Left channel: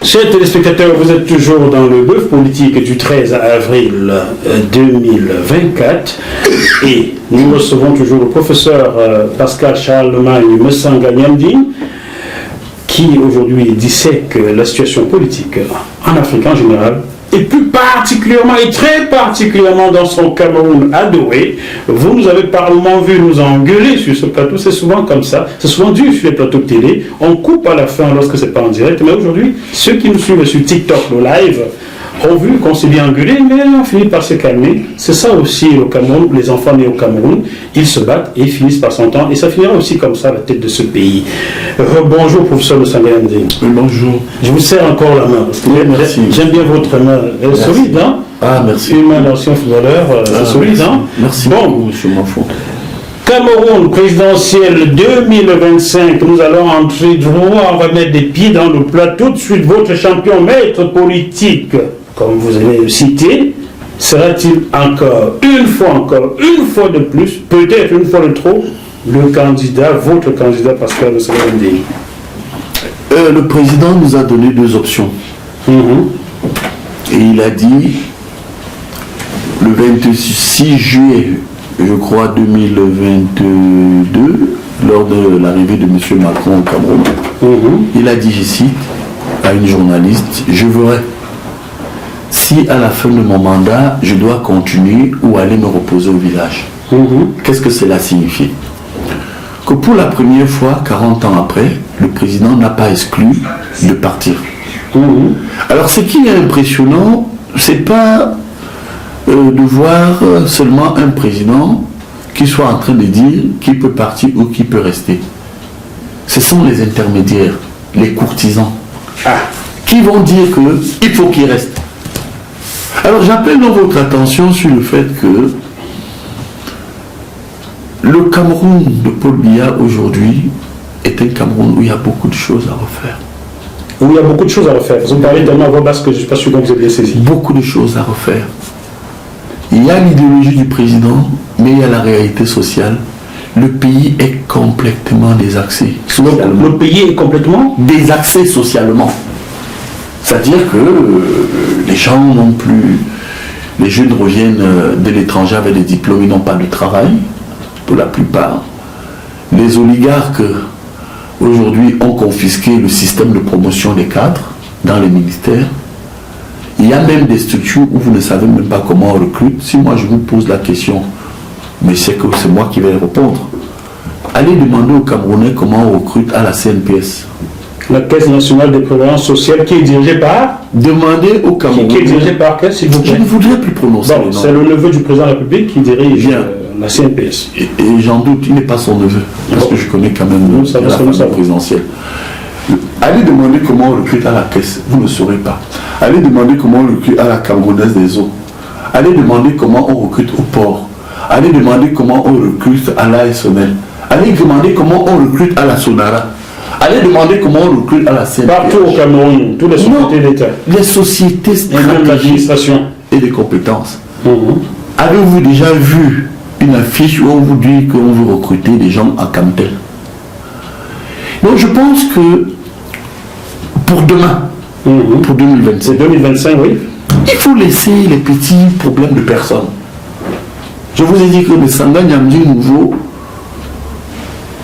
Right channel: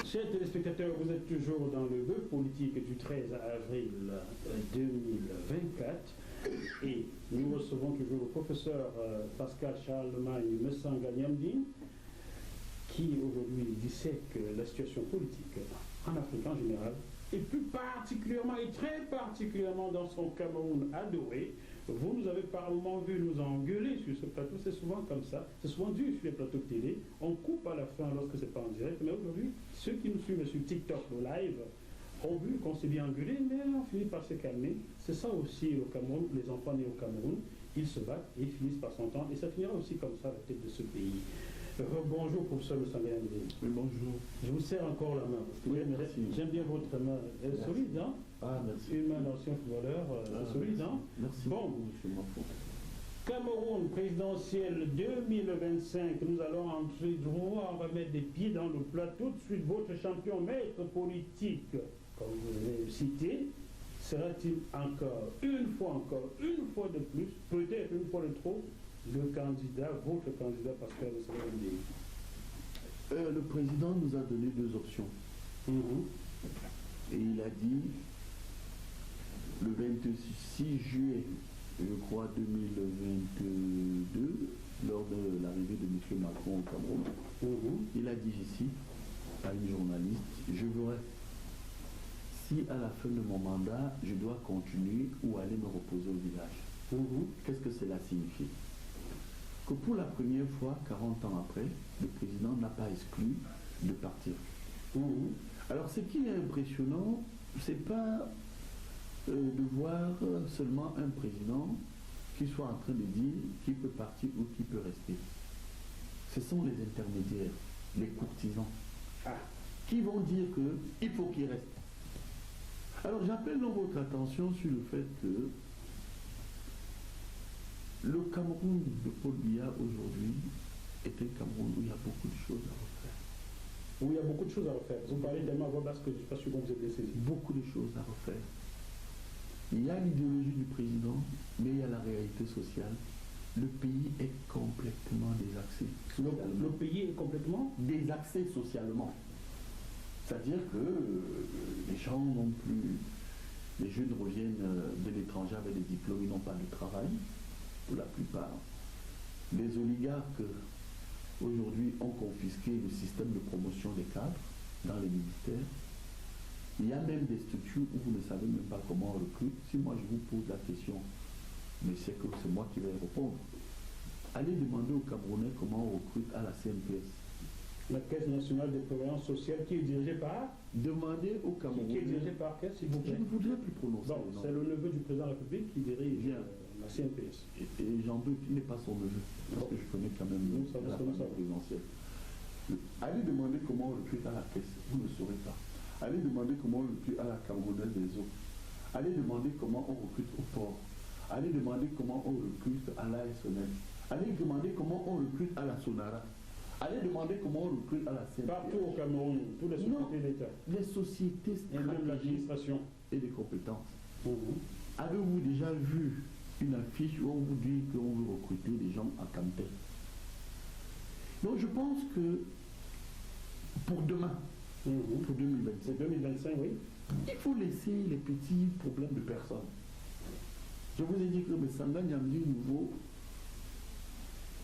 Chers téléspectateurs, vous êtes toujours dans le bœuf politique du 13 avril 2024 et nous recevons toujours le professeur Pascal Charlemagne Messanga-Nyamdine qui aujourd'hui dissèque la situation politique en Afrique en général et plus particulièrement et très particulièrement dans son Cameroun adoré. Vous nous avez par moments vu nous engueuler sur ce plateau, c'est souvent comme ça, c'est souvent dur sur les plateaux de télé, on coupe à la fin lorsque c'est pas en direct, mais aujourd'hui, ceux qui nous suivent sur TikTok, le live, ont vu qu'on s'est bien engueulé, mais on finit par se calmer. C'est ça aussi au Cameroun, les enfants nés au Cameroun, ils se battent et finissent par s'entendre, et ça finira aussi comme ça à la tête de ce pays. Bonjour professeur Messanga-Nyamdine. Oui, bonjour. Je vous serre encore la main, parce que j'aime bien votre main, elle est solide, hein? Ah, merci. Une main d'ancien footballeur, c'est solide, hein? Merci bon, beaucoup, monsieur Mafou. Cameroun présidentiel 2025, nous allons entrer droit, on va mettre des pieds dans le plat. Tout de suite, votre champion maître politique, comme vous allez le citer, sera-t-il encore une fois de plus, peut-être une fois de trop, le candidat, votre candidat Pascal Messanga-Nyamdine? Le président nous a donné deux options. Et il a dit, le 26 juillet, je crois, 2022, lors de l'arrivée de M. Macron au Cameroun, il a dit, je cite, à une journaliste, je verrai si à la fin de mon mandat, je dois continuer ou aller me reposer au village. Qu'est-ce que cela signifie? Que pour la première fois, 40 ans après, le président n'a pas exclu de partir. Alors ce qui est impressionnant, c'est pas de voir seulement un président qui soit en train de dire qui peut partir ou qui peut rester. Ce sont les intermédiaires, les courtisans, qui vont dire qu'il faut qu'il reste. Alors j'appelle votre attention sur le fait que le Cameroun de Paul Biya aujourd'hui est un Cameroun où il y a beaucoup de choses à refaire. Où il y a beaucoup de choses à refaire. Vous me parlez tellement à voix basse que je ne suis pas sûr que vous avez bien saisi. Beaucoup de choses à refaire. Il y a l'idéologie du président, mais il y a la réalité sociale. Le pays est complètement désaxé. Le pays est complètement désaxé socialement. C'est-à-dire que les gens n'ont plus... Les jeunes reviennent de l'étranger avec des diplômes, ils n'ont pas de travail, pour la plupart. Les oligarques, aujourd'hui, ont confisqué le système de promotion des cadres dans les ministères. Il y a même des structures où vous ne savez même pas comment on recrute. Si moi je vous pose la question, mais c'est que c'est moi qui vais répondre. Allez demander aux Camerounais comment on recrute à la CNPS. La Caisse nationale de prévoyance sociale qui est dirigée par... Demandez aux Camerounais... Qui est dirigée par quelle, s'il vous plaît? Je ne voudrais plus prononcer le nom. C'est le neveu du président de la République qui dirige la CNPS. Et j'en doute, il n'est pas son neveu. Parce que je connais quand même la famille présidentielle. Allez demander comment on recrute à la Caisse. Vous ne saurez pas. Allez demander comment on recrute à la Camerounaise des eaux. Allez demander comment on recrute au port. Allez demander comment on recrute à l'ASNL. Allez demander comment on recrute à la Sonara. Allez demander comment on recrute à la CNPS. Partout au Cameroun, toutes les sociétés d'État. Les sociétés stratégiques et des compétences. Avez-vous déjà vu une affiche où on vous dit qu'on veut recruter des gens à Camtel? Donc je pense que pour demain, pour 2025, 2025, oui. Il faut laisser les petits problèmes de personnes. Je vous ai dit que Messanga-Nyamdine nouveau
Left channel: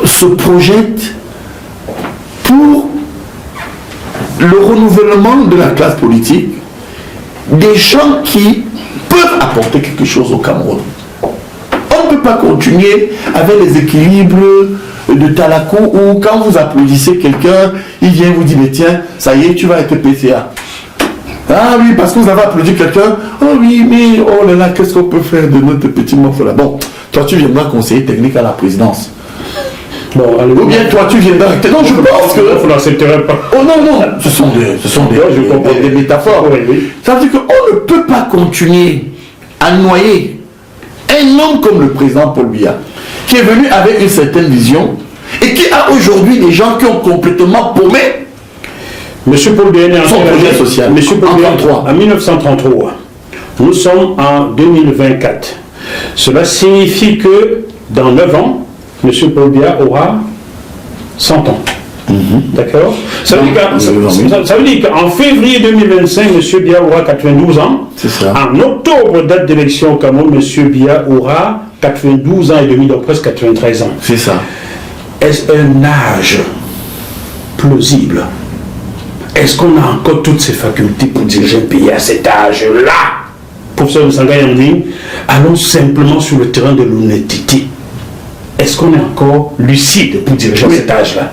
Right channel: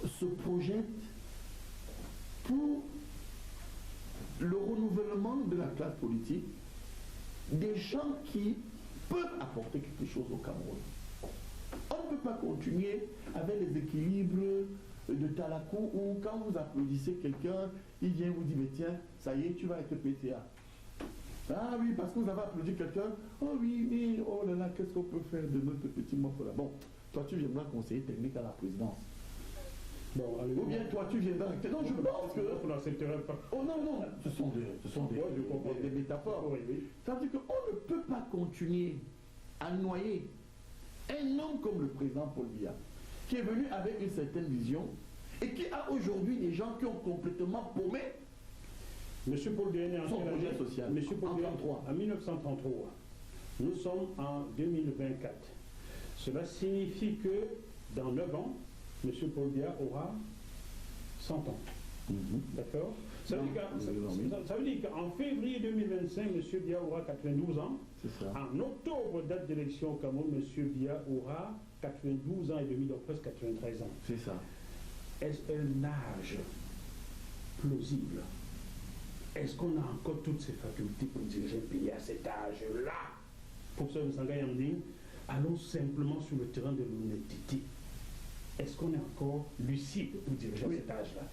se projette pour le renouvellement de la classe politique, des gens qui peuvent apporter quelque chose au Cameroun. On ne peut pas continuer avec les équilibres de Talakou où quand vous applaudissez quelqu'un, il vient vous dire, mais tiens, ça y est, tu vas être PCA. Ah oui, parce que vous avez applaudi quelqu'un, oh oui, mais oh là là, qu'est-ce qu'on peut faire de notre petit morceau là? Bon, toi tu viendras conseiller technique à la présidence. Bon, allez, ou bien toi tu viendras... Non, je pense que... Vous n'accepterez pas. Oh non, non, ce sont des métaphores. Oui. Ça veut dire qu'on ne peut pas continuer à noyer un homme comme le président Paul Biya, qui est venu avec une certaine vision et qui a aujourd'hui des gens qui ont complètement paumé Monsieur Paul Biya est son projet social. Monsieur Paul Biya, en 1933, nous sommes en 2024. Cela signifie que dans 9 ans, Monsieur Paul Biya aura 100 ans. D'accord. Ça veut dire qu'en février 2025, M. Biya aura 92 ans. C'est ça. En octobre, date d'élection au Cameroun, M. Biya aura 92 ans et demi, donc presque 93 ans. C'est ça. Est-ce un âge plausible? Est-ce qu'on a encore toutes ces facultés pour diriger un pays à cet âge-là? Professeur Moussanga Yanding, allons simplement sur le terrain de l'honnêteté. Est-ce qu'on est encore lucide pour diriger à cet âge-là?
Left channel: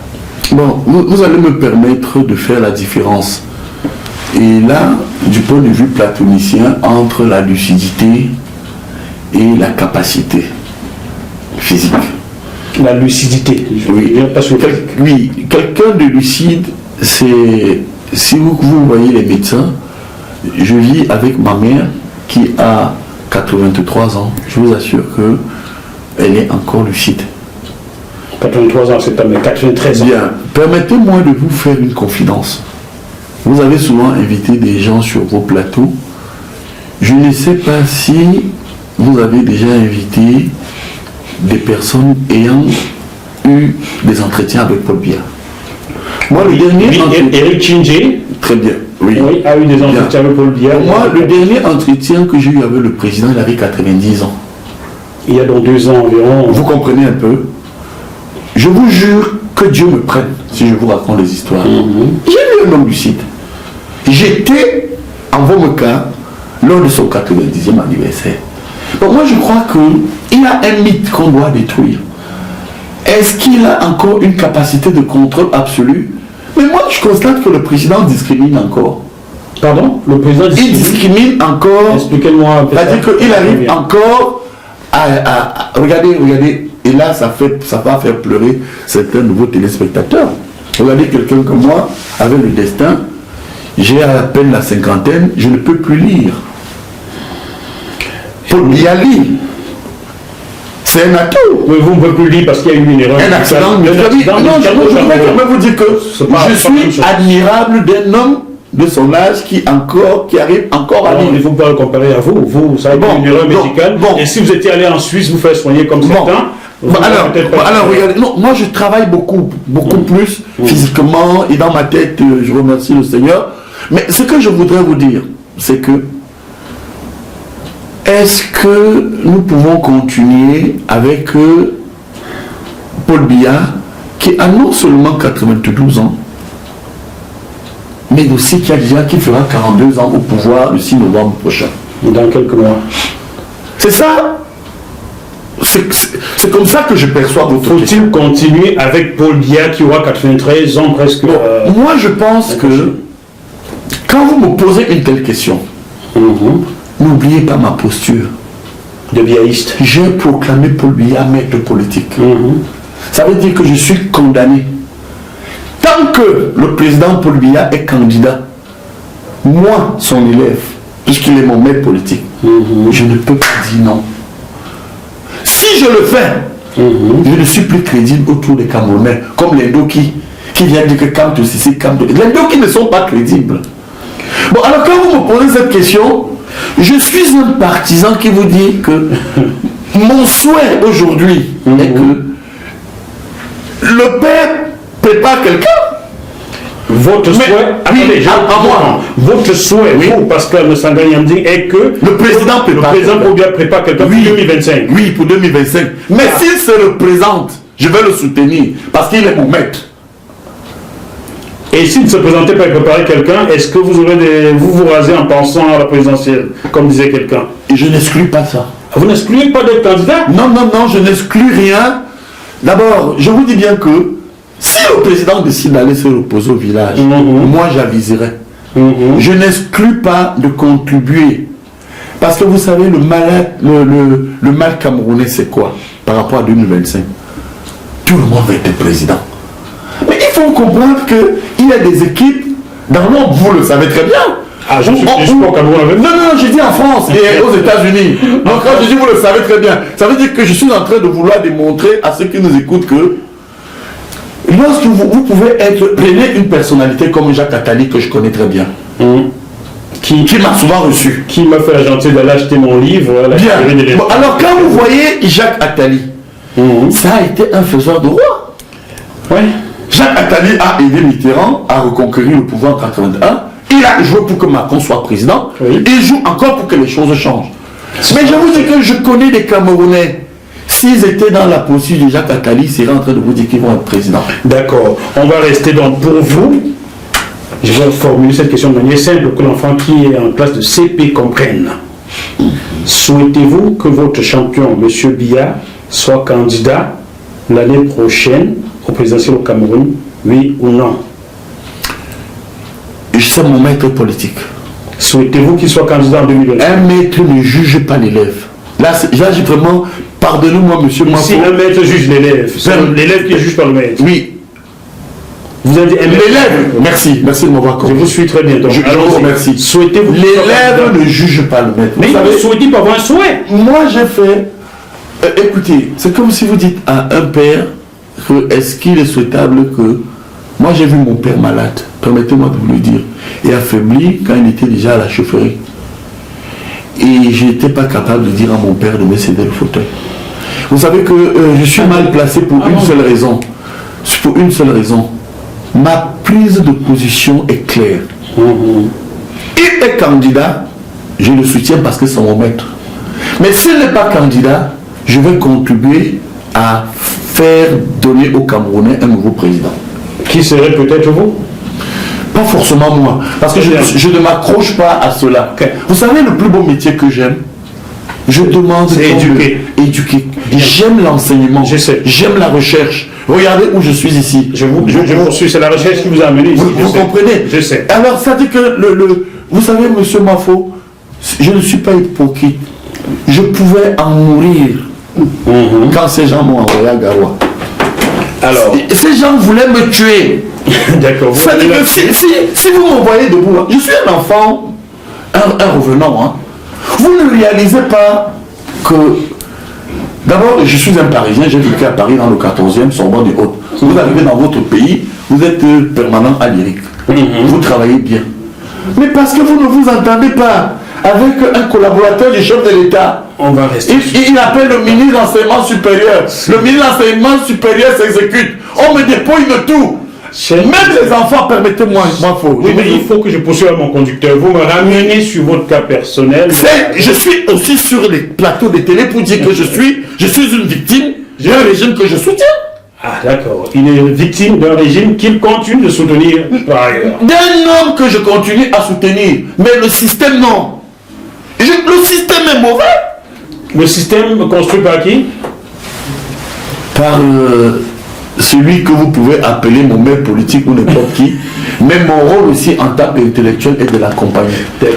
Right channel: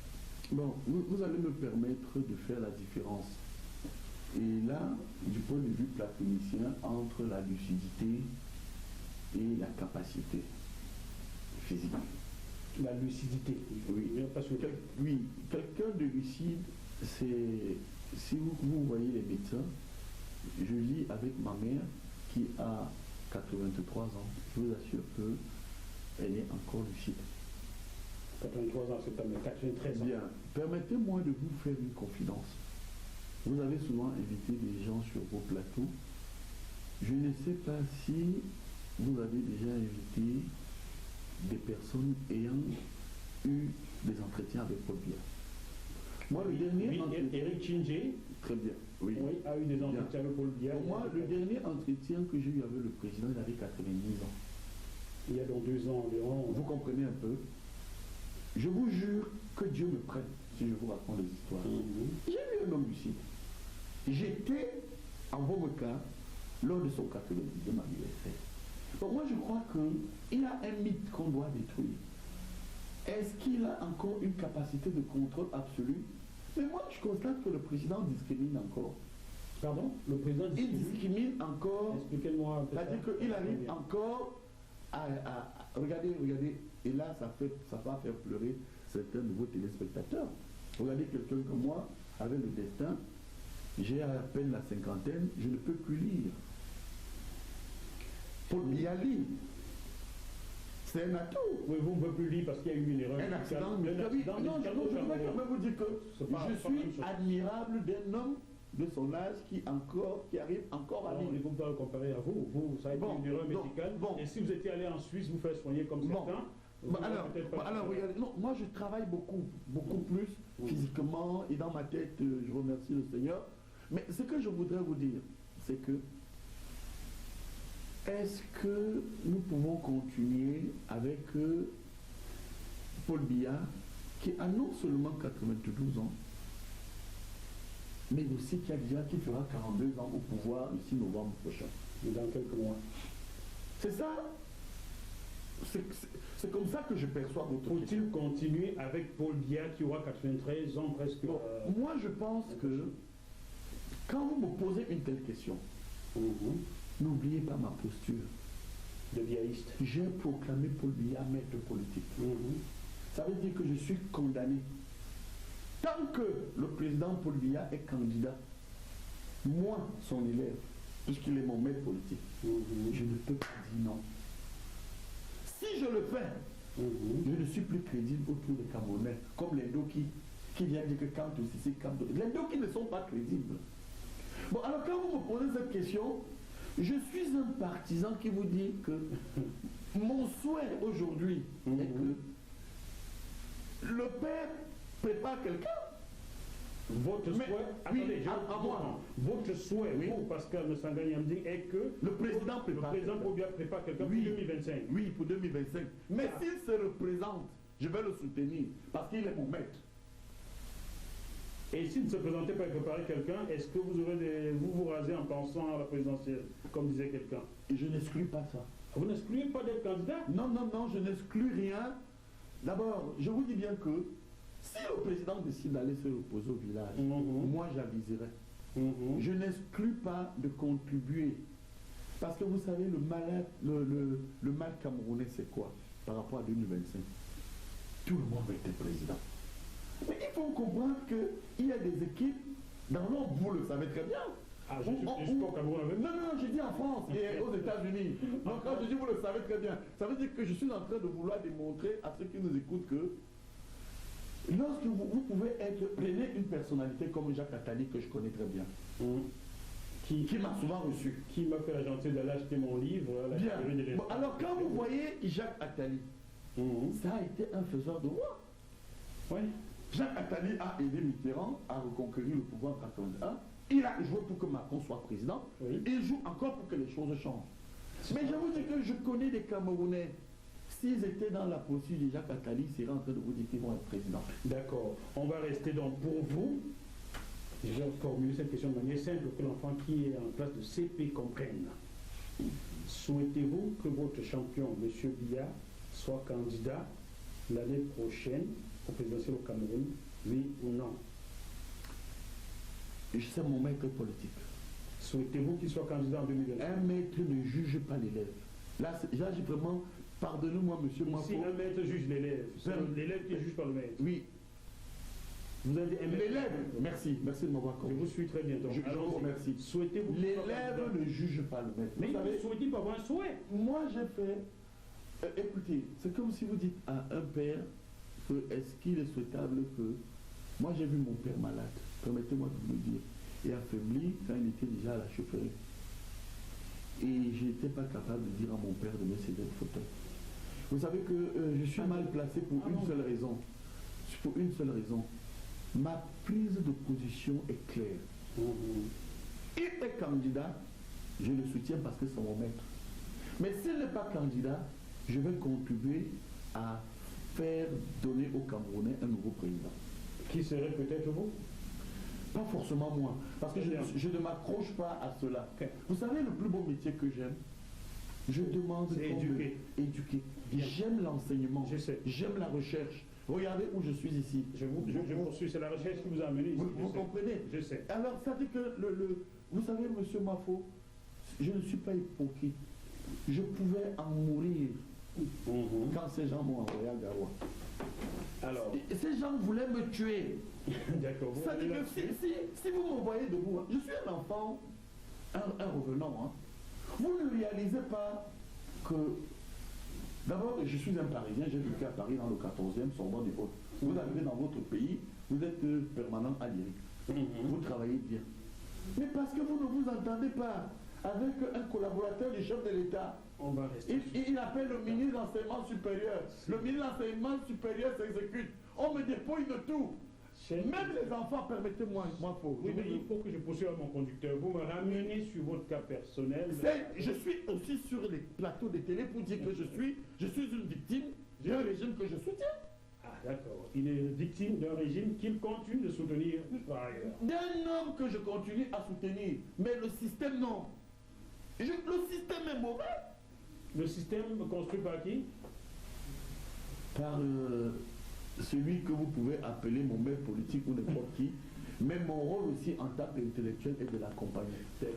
Bon, vous allez me permettre de faire la différence. Et là, du point de vue platonicien, entre la lucidité et la capacité physique. La lucidité, oui. Pas sur Oui, quelqu'un de lucide, c'est... Si vous voyez les médecins, je vis avec ma mère qui a 83 ans. Je vous assure qu'elle est encore lucide. 83 ans, c'est pas, mais 93 ans. Bien, permettez-moi de vous faire une confidence. Vous avez souvent invité des gens sur vos plateaux. Je ne sais pas si vous avez déjà invité des personnes ayant eu des entretiens avec Paul Biya. Moi, le dernier... Eric Chingé. Très bien, oui. Oui, a eu des entretiens avec Paul Biya. Moi, le dernier entretien que j'ai eu avec le président, il avait 90 ans. Il y a donc 2 ans environ. Vous comprenez un peu? Je vous jure que Dieu me prenne si je vous raconte des histoires. J'ai vu un homme lucide. J'étais en Vomeca lors de son 90e anniversaire. Donc moi je crois qu'il a un mythe qu'on doit détruire. Est-ce qu'il a encore une capacité de contrôle absolue? Mais moi je constate que le président discrimine encore. Pardon? Le président discrimine? Il discrimine encore. Expliquez-moi un peu. C'est-à-dire qu'il arrive encore à regardez, et là ça va faire pleurer certains nouveaux téléspectateurs. Regardez quelqu'un comme moi, avec le destin, j'ai à peine la cinquantaine, je ne peux plus lire. Paul Biya lit. C'est un atout. Mais vous ne pouvez plus lire parce qu'il y a eu une erreur. Un accident. Non, je vais quand même vous dire que je suis admirable d'un homme de son âge qui arrive encore à lire. Il ne faut pas le comparer à vous. Vous avez une erreur médicale. Et si vous étiez allé en Suisse vous faire soigner comme certains. Alors regardez, non, moi je travaille beaucoup plus physiquement et dans ma tête, je remercie le Seigneur. Mais ce que je voudrais vous dire, c'est que est-ce que nous pouvons continuer avec Paul Biya qui a non seulement 92 ans, mais aussi qui fera 42 ans au pouvoir le 6 novembre prochain. Dans quelques mois. C'est ça. C'est comme ça que je perçois votre question. Faut-il continuer avec Paul Biya qui aura 93 ans presque? Moi je pense que quand vous me posez une telle question, n'oubliez pas ma posture de biaïste. J'ai proclamé Paul Biya maître politique. Ça veut dire que je suis condamné. Tant que le président Paul Biya est candidat, moi, son élève, puisqu'il est mon maître politique, je ne peux pas dire non. Si je le fais, je ne suis plus crédible autour des Camerounais, comme les Doki, qui viennent dire que Kamto Sissi, Kamto... Les Doki ne sont pas crédibles. Bon, alors quand vous me posez cette question, je suis un partisan qui vous dit que mon souhait aujourd'hui est que le père prépare quelqu'un. Votre souhait, votre souhait, vous, Pascal Moussanga Yanding, est que le président prépare quelqu'un pour 2025. Oui, pour 2025. Mais s'il se représente, je vais le soutenir parce qu'il est mon maître. Et s'il ne se présentait pas et préparait quelqu'un, est-ce que vous vous rasez en pensant à la présidentielle, comme disait quelqu'un? Et je n'exclus pas ça. Vous n'excluez pas d'être candidat? Non, je n'exclus rien. D'abord, je vous dis bien que si le président décide d'aller se reposer au village, moi j'aviserai. Je n'exclus pas de contribuer. Parce que vous savez, le mal camerounais, c'est quoi par rapport à 2025? Tout le monde va être président. Mais il faut comprendre qu'il y a des équipes dans le monde, vous le savez très bien. Ah, je suis pas au Cameroun. Non, j'ai dit en France et aux États-Unis. Donc quand je dis vous le savez très bien, ça veut dire que je suis en train de vouloir démontrer à ceux qui nous écoutent que lorsque vous pouvez prenez une personnalité comme Jacques Attali que je connais très bien, qui m'a souvent reçu, qui m'a fait la gentillesse d'aller acheter mon livre. Bien. Bon, alors quand vous voyez Jacques Attali, ça a été un faiseur de roi. Ouais. Jacques Attali a aidé Mitterrand à reconquérir le pouvoir en 1981. Il a joué pour que Macron soit président. Oui. Il joue encore pour que les choses changent. Mais je vous dis que je connais des Camerounais. S'ils étaient dans la posture de Jacques Attali, ils seraient en train de vous dire qu'ils vont être présidents. D'accord. On va rester donc pour vous. Je vais formuler cette question de manière simple pour que l'enfant qui est en classe de CP comprenne. Souhaitez-vous que votre champion, M. Biya, soit candidat l'année prochaine au présidentiel au Cameroun, oui ou non? C'est mon maître politique. Souhaitez-vous qu'il soit candidat en 2020? Un maître ne juge pas l'élève. Là, j'ai vraiment... Pardonnez-moi, monsieur Mafo. Si un maître juge l'élève, c'est l'élève qui juge par le maître. Oui. Vous avez dit un maître. L'élève, merci de m'avoir compris. Je vous suis très bien. Donc, Je vous remercie. Souhaitez-vous... L'élève ne juge pas le maître. Mais vous souhaitez pas avoir un souhait. Moi, j'ai fait... écoutez, c'est comme si vous dites à un père que est-ce qu'il est souhaitable que... Moi, j'ai vu mon père malade, permettez-moi de vous le dire, et affaibli quand il était déjà à la chaufferie. Et je n'étais pas capable de dire à mon père de me céder le fauteuil. Vous savez que je suis mal placé pour une seule raison. Pour une seule raison. Ma prise de position est claire. Il est candidat, je le soutiens parce que c'est mon maître. Mais s'il n'est pas candidat, je vais contribuer à faire donner aux Camerounais un nouveau président. Qui serait peut-être vous? Pas forcément moi, parce que je ne m'accroche pas à cela. Okay. Vous savez le plus beau métier que j'aime? Je demande éduquer. J'aime l'enseignement. J'aime la recherche. Regardez où je suis ici. Je poursuis, c'est la recherche qui vous a amené ici. Vous comprenez? Je sais. Alors ça dit que vous savez, monsieur Mafo, je ne suis pas hypocrite. Je pouvais en mourir quand ces gens m'ont envoyé à Garoua. Alors, ces gens voulaient me tuer. D'accord. Ça dit que si vous m'envoyez debout, je suis un enfant, un revenant. Hein. Vous ne réalisez pas que... D'abord, je suis un Parisien, j'ai vécu à Paris dans le 14e, Sorbonne et autres. Vous arrivez dans votre pays, vous êtes permanent à l'IRIC. Vous travaillez bien. Mais parce que vous ne vous entendez pas avec un collaborateur du chef de l'État. On va rester. Il appelle le ministre de l'enseignement supérieur. Le ministre de l'enseignement supérieur s'exécute. On me dépouille de tout. Même les enfants, permettez-moi, oui, mais il faut que je poursuive mon conducteur. Vous me ramenez sur votre cas personnel. Je suis aussi sur les plateaux de télé pour dire que je suis une victime d'un régime que je soutiens. Ah d'accord. Il est victime d'un régime qu'il continue de soutenir par ailleurs. D'un homme que je continue à soutenir. Mais le système, non. Le système est mauvais. Le système construit par qui? Par celui que vous pouvez appeler mon maître politique ou n'importe qui. Mais mon rôle aussi en tant qu'intellectuel est de l'accompagner.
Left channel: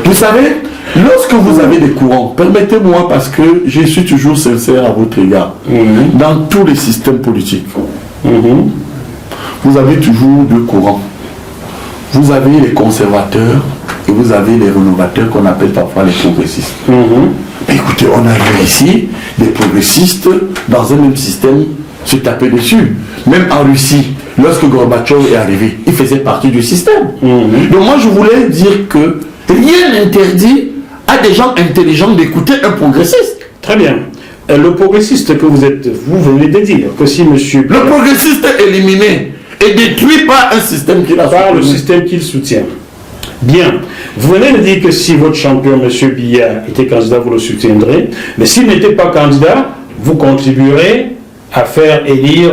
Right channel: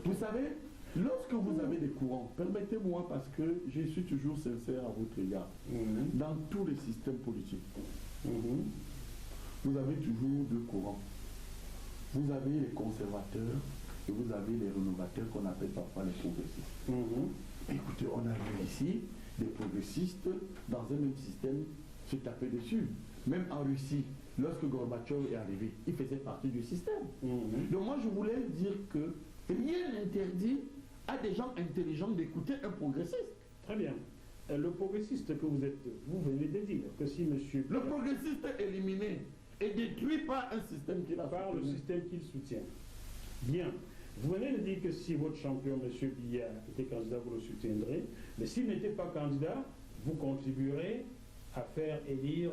Vous savez, lorsque vous avez des courants, permettez-moi parce que je suis toujours sincère à votre égard, dans tous les systèmes politiques, vous avez toujours deux courants. Vous avez les conservateurs et vous avez les rénovateurs qu'on appelle parfois les progressistes. Écoutez, on a vu ici des progressistes dans un même système se taper dessus. Même en Russie, lorsque Gorbatchev est arrivé, il faisait partie du système. Donc moi je voulais dire que rien n'interdit à des gens intelligents d'écouter un progressiste. Très bien. Le progressiste que vous êtes, vous venez de dire que si monsieur... Le progressiste est éliminé et détruit par un système qu'il a soutenu. Par le système qu'il soutient. Bien. Vous venez de dire que si votre champion, M. Biya, était candidat, vous le soutiendrez. Mais s'il n'était pas candidat, vous contribuerez à faire élire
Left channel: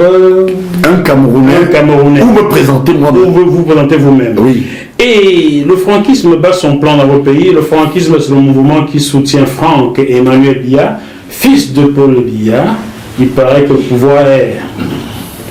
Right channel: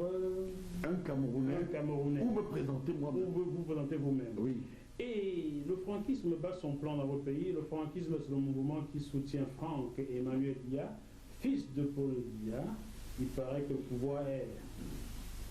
un Camerounais. Ou me présenter moi-même. Ou vous présenter vous-même. Oui. Et le franquisme bat son plan dans votre pays. Le franquisme, c'est le mouvement qui soutient Franck et Emmanuel Biya, fils de Paul Biya. Il paraît que le pouvoir est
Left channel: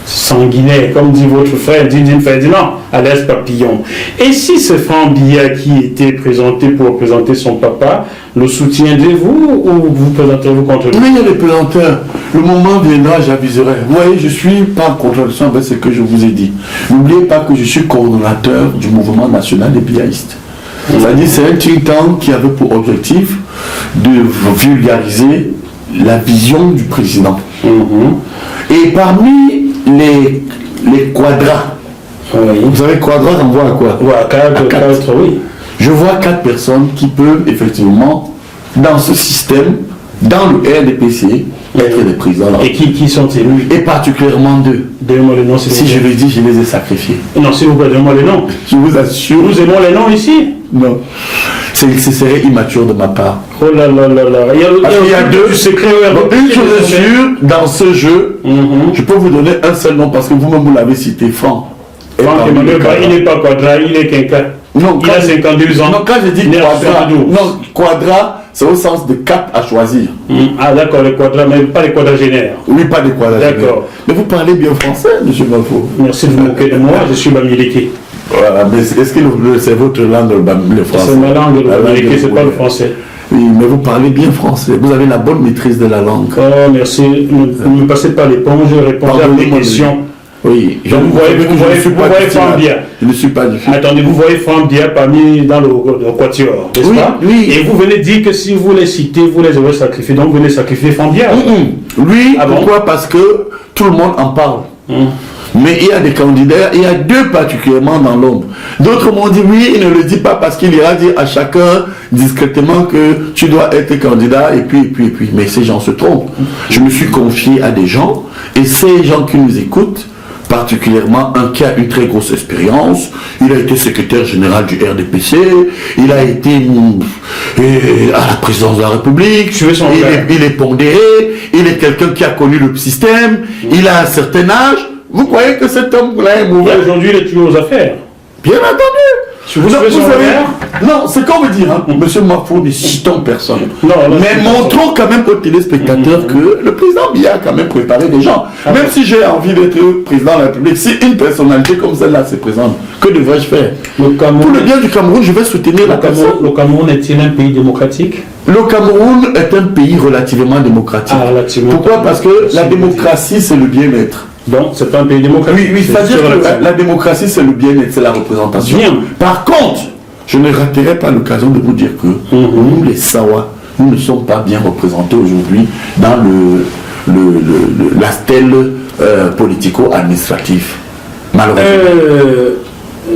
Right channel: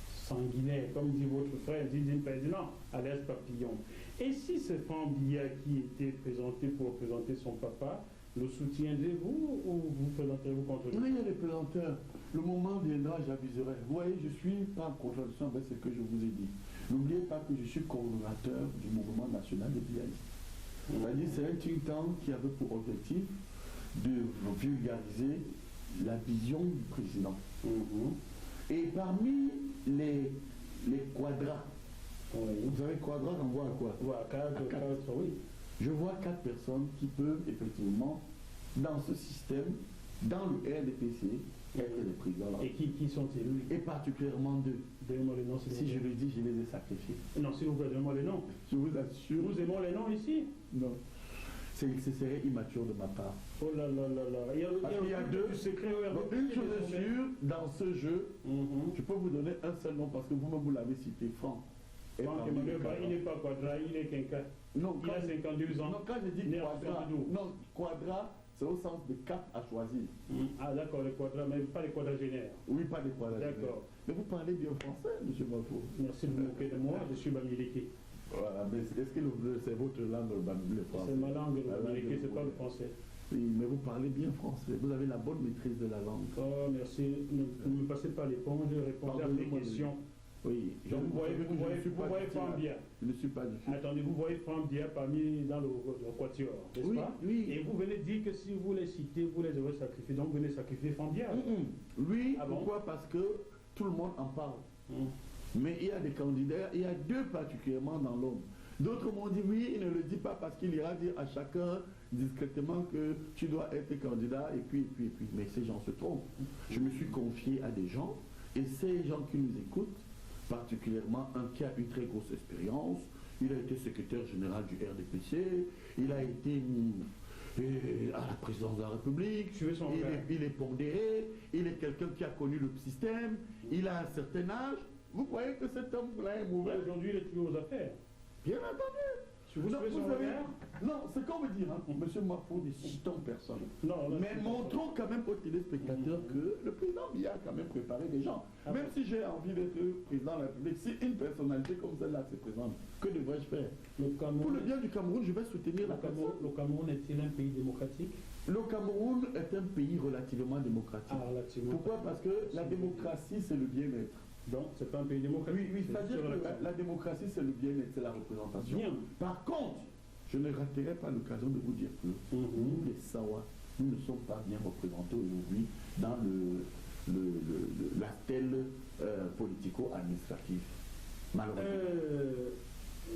sanguinaire, comme dit votre frère Dindine Ferdinand, à l'aise papillon. Et si c'est Franck Biya qui était présenté pour représenter son papa, le soutiendrez-vous ou vous présenterez-vous contre lui? Oui, les présenteurs, le moment viendra, j'aviserai. Vous voyez, je suis pas en contradiction avec ce que je vous ai dit. N'oubliez pas que je suis coordonnateur du mouvement national des biaïstes. C'est-à-dire, c'est un think tank qui avait pour objectif de vulgariser la vision du président. Et parmi les quadras, vous savez, quadrat renvoie à quoi? Oui. Je vois 4 personnes qui peuvent effectivement, dans ce système, dans le RDPC, être des présidents. Et qui sont-ils? Et particulièrement deux. Donnez-moi les noms, Si je le dis, je les ai sacrifiés. Non, s'il vous plaît, donnez-moi les noms. Je vous assure. Nous aimons les noms ici. Non. Ce serait immature de ma part. Oh là là là là. Parce qu'il y a deux. Du secret Une chose est sûre, dans ce jeu, je peux vous donner un seul nom parce que vous-même vous l'avez cité, Franck. Franck Emmanuel, il n'est pas Quadra, il est Quinca. Non, il a 52 ans. Non, quand je dis Quadra, non, Quadra, c'est au sens de 4 à choisir. Ah d'accord, les quadras, mais pas les quadragénaires. Oui, pas des quadragénaires. D'accord. Mais vous parlez bien français, M. Mafo. Merci de vous moquer de moi, je suis Bamileke. Voilà, mais est-ce que c'est votre langue, le français? C'est ma langue, le Bamileke, c'est pas le français. Oui, mais vous parlez bien français. Vous avez la bonne maîtrise de la langue. Oh, merci. Ne me passez pas l'éponge, répondez à mes questions. Oui, vous voyez Franck Bia. Je ne suis pas du tout. Attendez, vous voyez Franck Bia parmi dans le quatuor, n'est-ce pas? Oui. Et vous venez dire que si vous les citez, vous les avez sacrifiés, donc vous venez sacrifier Franck Bia. Oui, pourquoi? Parce que tout le monde en parle. Mais il y a des candidats, il y a deux particulièrement dans l'ombre. D'autres m'ont dit oui, il ne le dit pas parce qu'il ira dire à chacun discrètement que tu dois être candidat et puis. Mais ces gens se trompent. Je me suis confié à des gens et ces gens qui nous écoutent, particulièrement un qui a une très grosse expérience, il a été secrétaire général du RDPC, il a été à la présidence de la République, il est pondéré, il est quelqu'un qui a connu le système, il a un certain âge. Vous croyez que cet homme-là est mauvais? Aujourd'hui, il est toujours aux affaires. Bien entendu. Vous savez, non, c'est comme dire, Monsieur Mafo, ne citons personne. Non, mais montrons quand même aux téléspectateurs que le président Biya a quand même préparé des gens. Même si j'ai envie d'être président de la République, si une personnalité comme celle-là se présente, que devrais-je faire? Pour le bien du Cameroun, je vais soutenir la personne. Le Cameroun est-il un pays démocratique? Le Cameroun est un pays relativement démocratique. Pourquoi? Parce que la démocratie, c'est le bien-être. Donc, c'est pas un pays démocratique. Oui, c'est-à-dire que la démocratie, c'est le bien-être, c'est la représentation. Bien. Par contre, je ne raterai pas l'occasion de vous dire que nous, les Sawa, nous ne sommes pas bien représentés aujourd'hui dans la stèle politico-administrative. Malheureusement.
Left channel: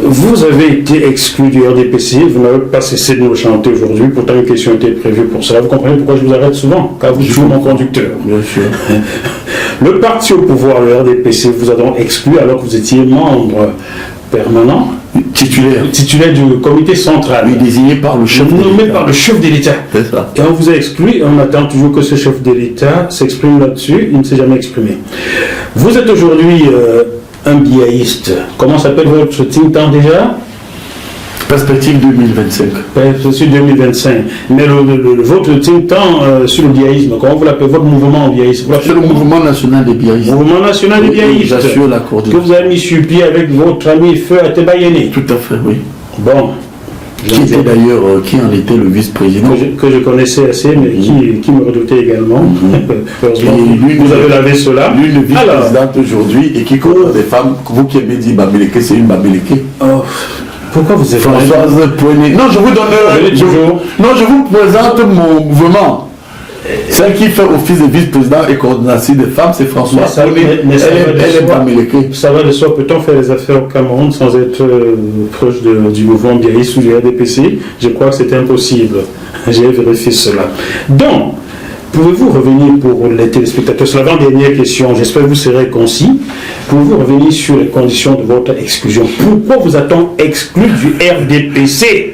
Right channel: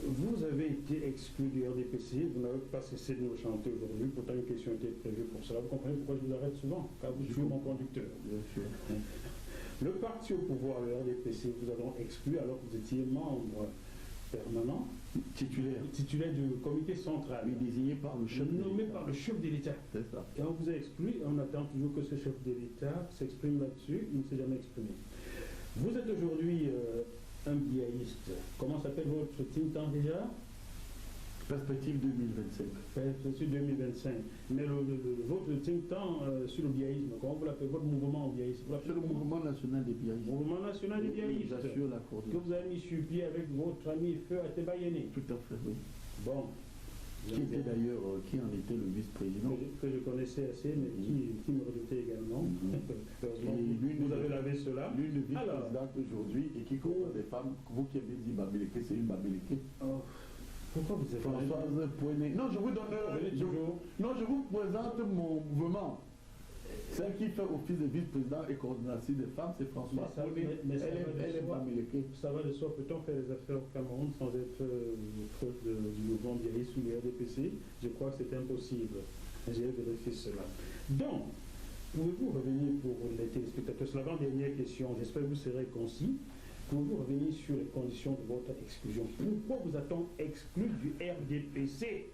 Vous avez été exclu du RDPC, vous n'avez pas cessé de nous chanter aujourd'hui, pourtant une question était prévue pour cela. Vous comprenez pourquoi je vous arrête souvent? Car vous êtes mon conducteur. Bien sûr. Le parti au pouvoir, le RDPC, vous a donc exclu alors que vous étiez membre permanent, titulaire du comité central. Oui, désigné par le chef de l'État. Nommé par le chef de l'État. C'est ça. Et on vous a exclu, et on attend toujours que ce chef de l'État s'exprime là-dessus, il ne s'est jamais exprimé. Vous êtes aujourd'hui un biaïste. Comment s'appelle votre think tank déjà? Perspective 2025. Perspective 2025. Mais votre think tank sur le biaïsme, comment vous l'appelez? Votre mouvement en biaïsme? C'est le mouvement national des biaïstes. Mouvement national des biaïstes. J'assure la coordination. Que vous avez mis sur pied avec votre ami Feu Atebayene. Tout à fait, oui. Bon. Qui était d'ailleurs, qui en était le vice-président. Que je connaissais assez, mais qui me redoutait également. Heureusement, vous avez lavé cela. L'une vice-présidente aujourd'hui et qui connaît des femmes, vous qui aimez dire Bamileke, c'est une Bamileke. Oh. Pourquoi vous êtes Françoise Poignet. Non, je vous donne. Je vous présente mon mouvement. Celle qui fait office de vice-président et coordinatrice des femmes, c'est Françoise Poignet. Elle est Bamileke. Ça va de soi. Peut-on faire les affaires au Cameroun sans être proche du mouvement biaïste ou du RDPC? Je crois que c'est impossible. J'ai vérifié cela. Donc, pouvez-vous revenir pour les téléspectateurs sur l'avant-dernière question? J'espère que vous serez concis. Pouvez-vous revenir sur les conditions de votre exclusion? Pourquoi vous a-t-on exclu du RDPC?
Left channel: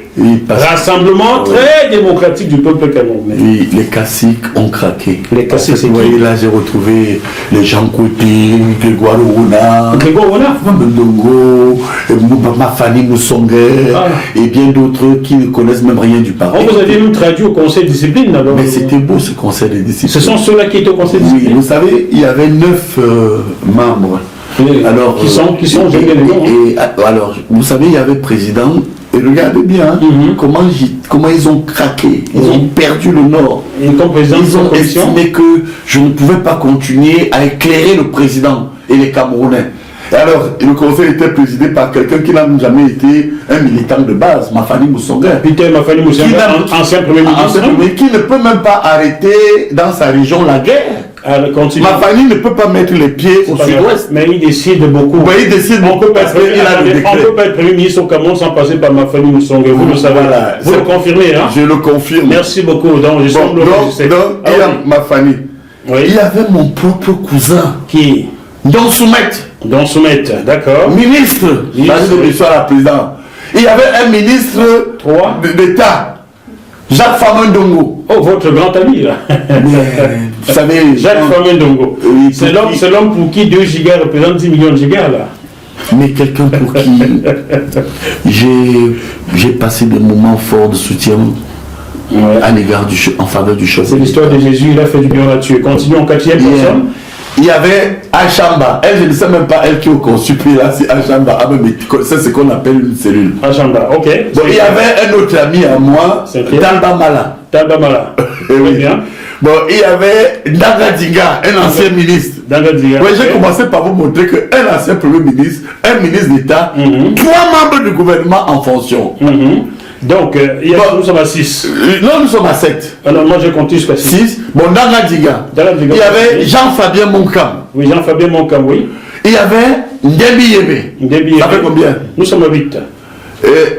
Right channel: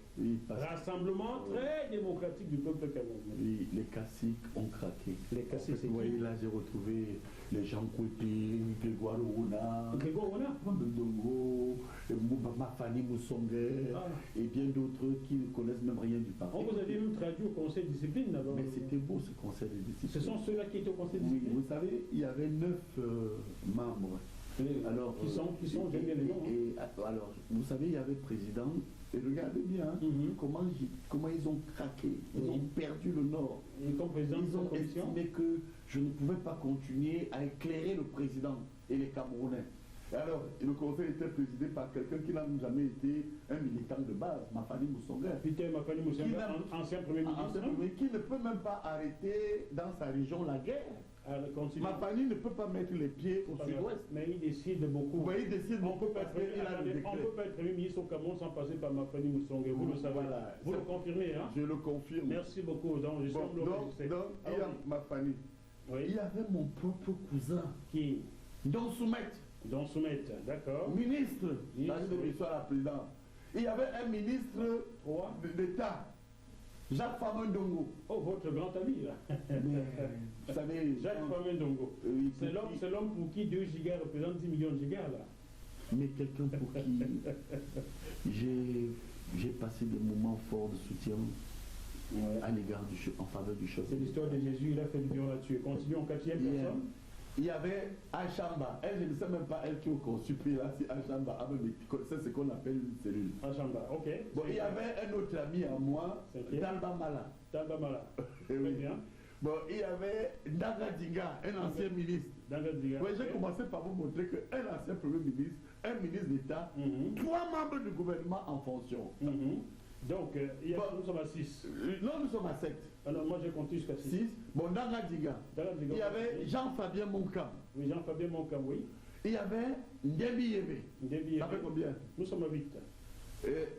Rassemblement très démocratique du peuple camerounais. Oui, les caciques ont craqué. Les caciques, c'est qui? Vous voyez, là, j'ai retrouvé les Jean Côté, Grégoire Ouna, Mbendongo, Mafani Moussonguer, et bien d'autres qui ne connaissent même rien du parti. Vous avez même traduit au conseil de discipline alors? Mais c'était beau ce conseil de discipline. Ce sont ceux-là qui étaient au conseil de discipline? Oui, vous savez, il y avait 9 membres. Alors, qui sont alors, vous savez, il y avait président, et regardez bien comment ils ont craqué, ils ont perdu le nord. Ils ont estimé que je ne pouvais pas continuer à éclairer le président et les Camerounais. Et alors, le conseil était présidé par quelqu'un qui n'a jamais été un militant de base, Mafani Moussonguer. Ancien Premier ministre. Qui ne peut même pas arrêter dans sa région la guerre. continue. Ma famille ne peut pas mettre les pieds au sud-ouest. Mais il décide beaucoup. Il décide beaucoup parce qu'il a le décret. On ne peut pas être Premier ministre au Cameroun sans passer par ma famille Moussongue. Vous le savez. Voilà. Vous le confirmez, hein? Je le confirme. Merci beaucoup. Donc, il y a ma famille. Oui. Il y avait mon propre cousin. Qui? Don Soumet, d'accord. Ministre. De la présidente. Il y avait un ministre d'État. Jacques Famendongo. Oh, votre grand ami, là. Vous savez... Jacques Famendongo. C'est l'homme pour qui 2 gigas représente 10 millions de gigas, là. Mais quelqu'un pour qui j'ai passé des moments forts de soutien à l'égard en faveur du chef. C'est l'histoire de Jésus, il a fait du bien là-dessus. Continuons, 4e personne. Il y avait Achamba. Elle, je ne sais même pas elle qui est au consul, là, c'est Achamba. Ah, mais c'est ce qu'on appelle une cellule. Achamba, ok. Bon, il y avait un autre ami à moi, Talba Mala. Très bien. Bon, il y avait Ndanga Dinga, un ancien ministre. Oui, j'ai commencé par vous montrer qu'un ancien premier ministre, un ministre d'État, 3 membres du gouvernement en fonction. Donc, nous sommes à 6. Non, nous sommes à 7. Alors, moi, je compte jusqu'à 6. Bon, dans la Diga, il y avait Jean-Fabien Moncam. Oui, Jean-Fabien Moncam, oui. Il y avait Ndébi Yébé. Ça fait combien? Nous sommes à 8.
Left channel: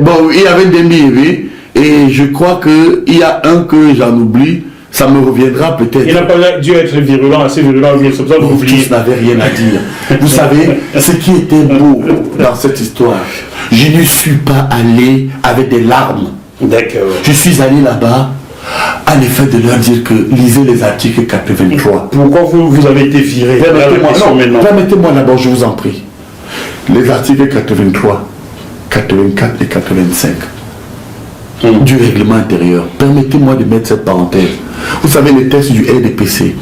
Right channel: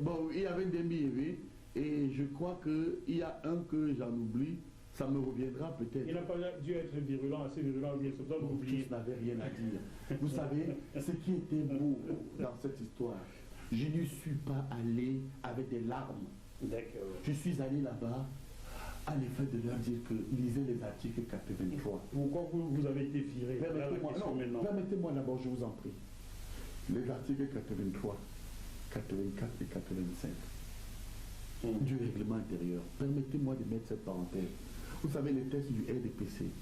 Bon, il y avait Ndébi Yébé. Et je crois qu'il y a un que j'en oublie. Ça me reviendra peut-être. Il n'a pas dû être virulent, assez virulent. C'est ça que vous tous n'avaient rien à dire. Vous savez, ce qui était beau dans cette histoire, je ne suis pas allé avec des larmes. D'accord. Je suis allé là-bas à l'effet de leur dire que lisez les articles 83. Pourquoi vous avez été viré? Permettez-moi d'abord, je vous en prie. Les articles 83, 84 et 85 du règlement intérieur. Permettez-moi de mettre cette parenthèse. Vous savez, les textes du RDPC,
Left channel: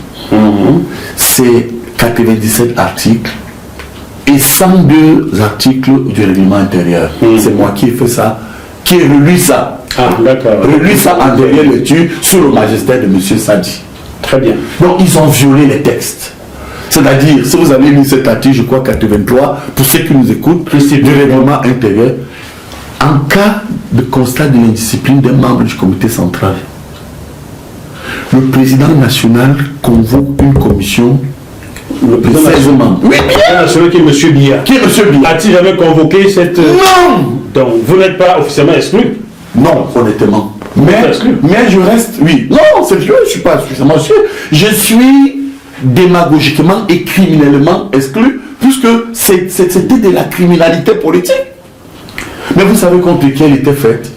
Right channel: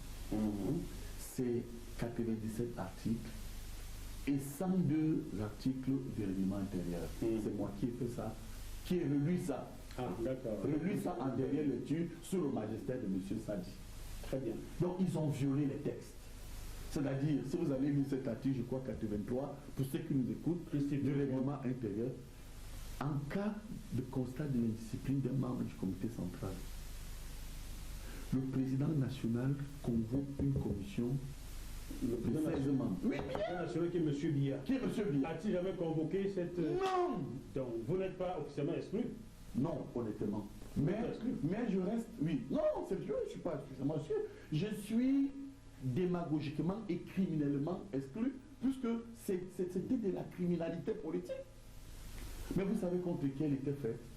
c'est 97 articles et 102 articles du règlement intérieur. C'est moi qui ai fait ça, qui ai relu ça. Ah, d'accord. Relu ça en dernière lecture sous le magistère de M. Sadi. Très bien. Donc, ils ont violé les textes. C'est-à-dire, si vous avez lu cet article, je crois 83, pour ceux qui nous écoutent, du règlement intérieur, en cas de constat de l'indiscipline d'un membre du comité central, le président national convoque une commission de 16 membres. Oui, bien. Celui qui est M. Biya. Qui est M. Biya? A-t-il jamais convoqué cette... Non. Donc, vous n'êtes pas officiellement exclu? Non, honnêtement. Mais je reste... Oui. Non, c'est sûr, je ne suis pas suffisamment sûr. Je suis démagogiquement et criminellement exclu, puisque c'était de la criminalité politique. Mais vous savez contre qui elle était faite?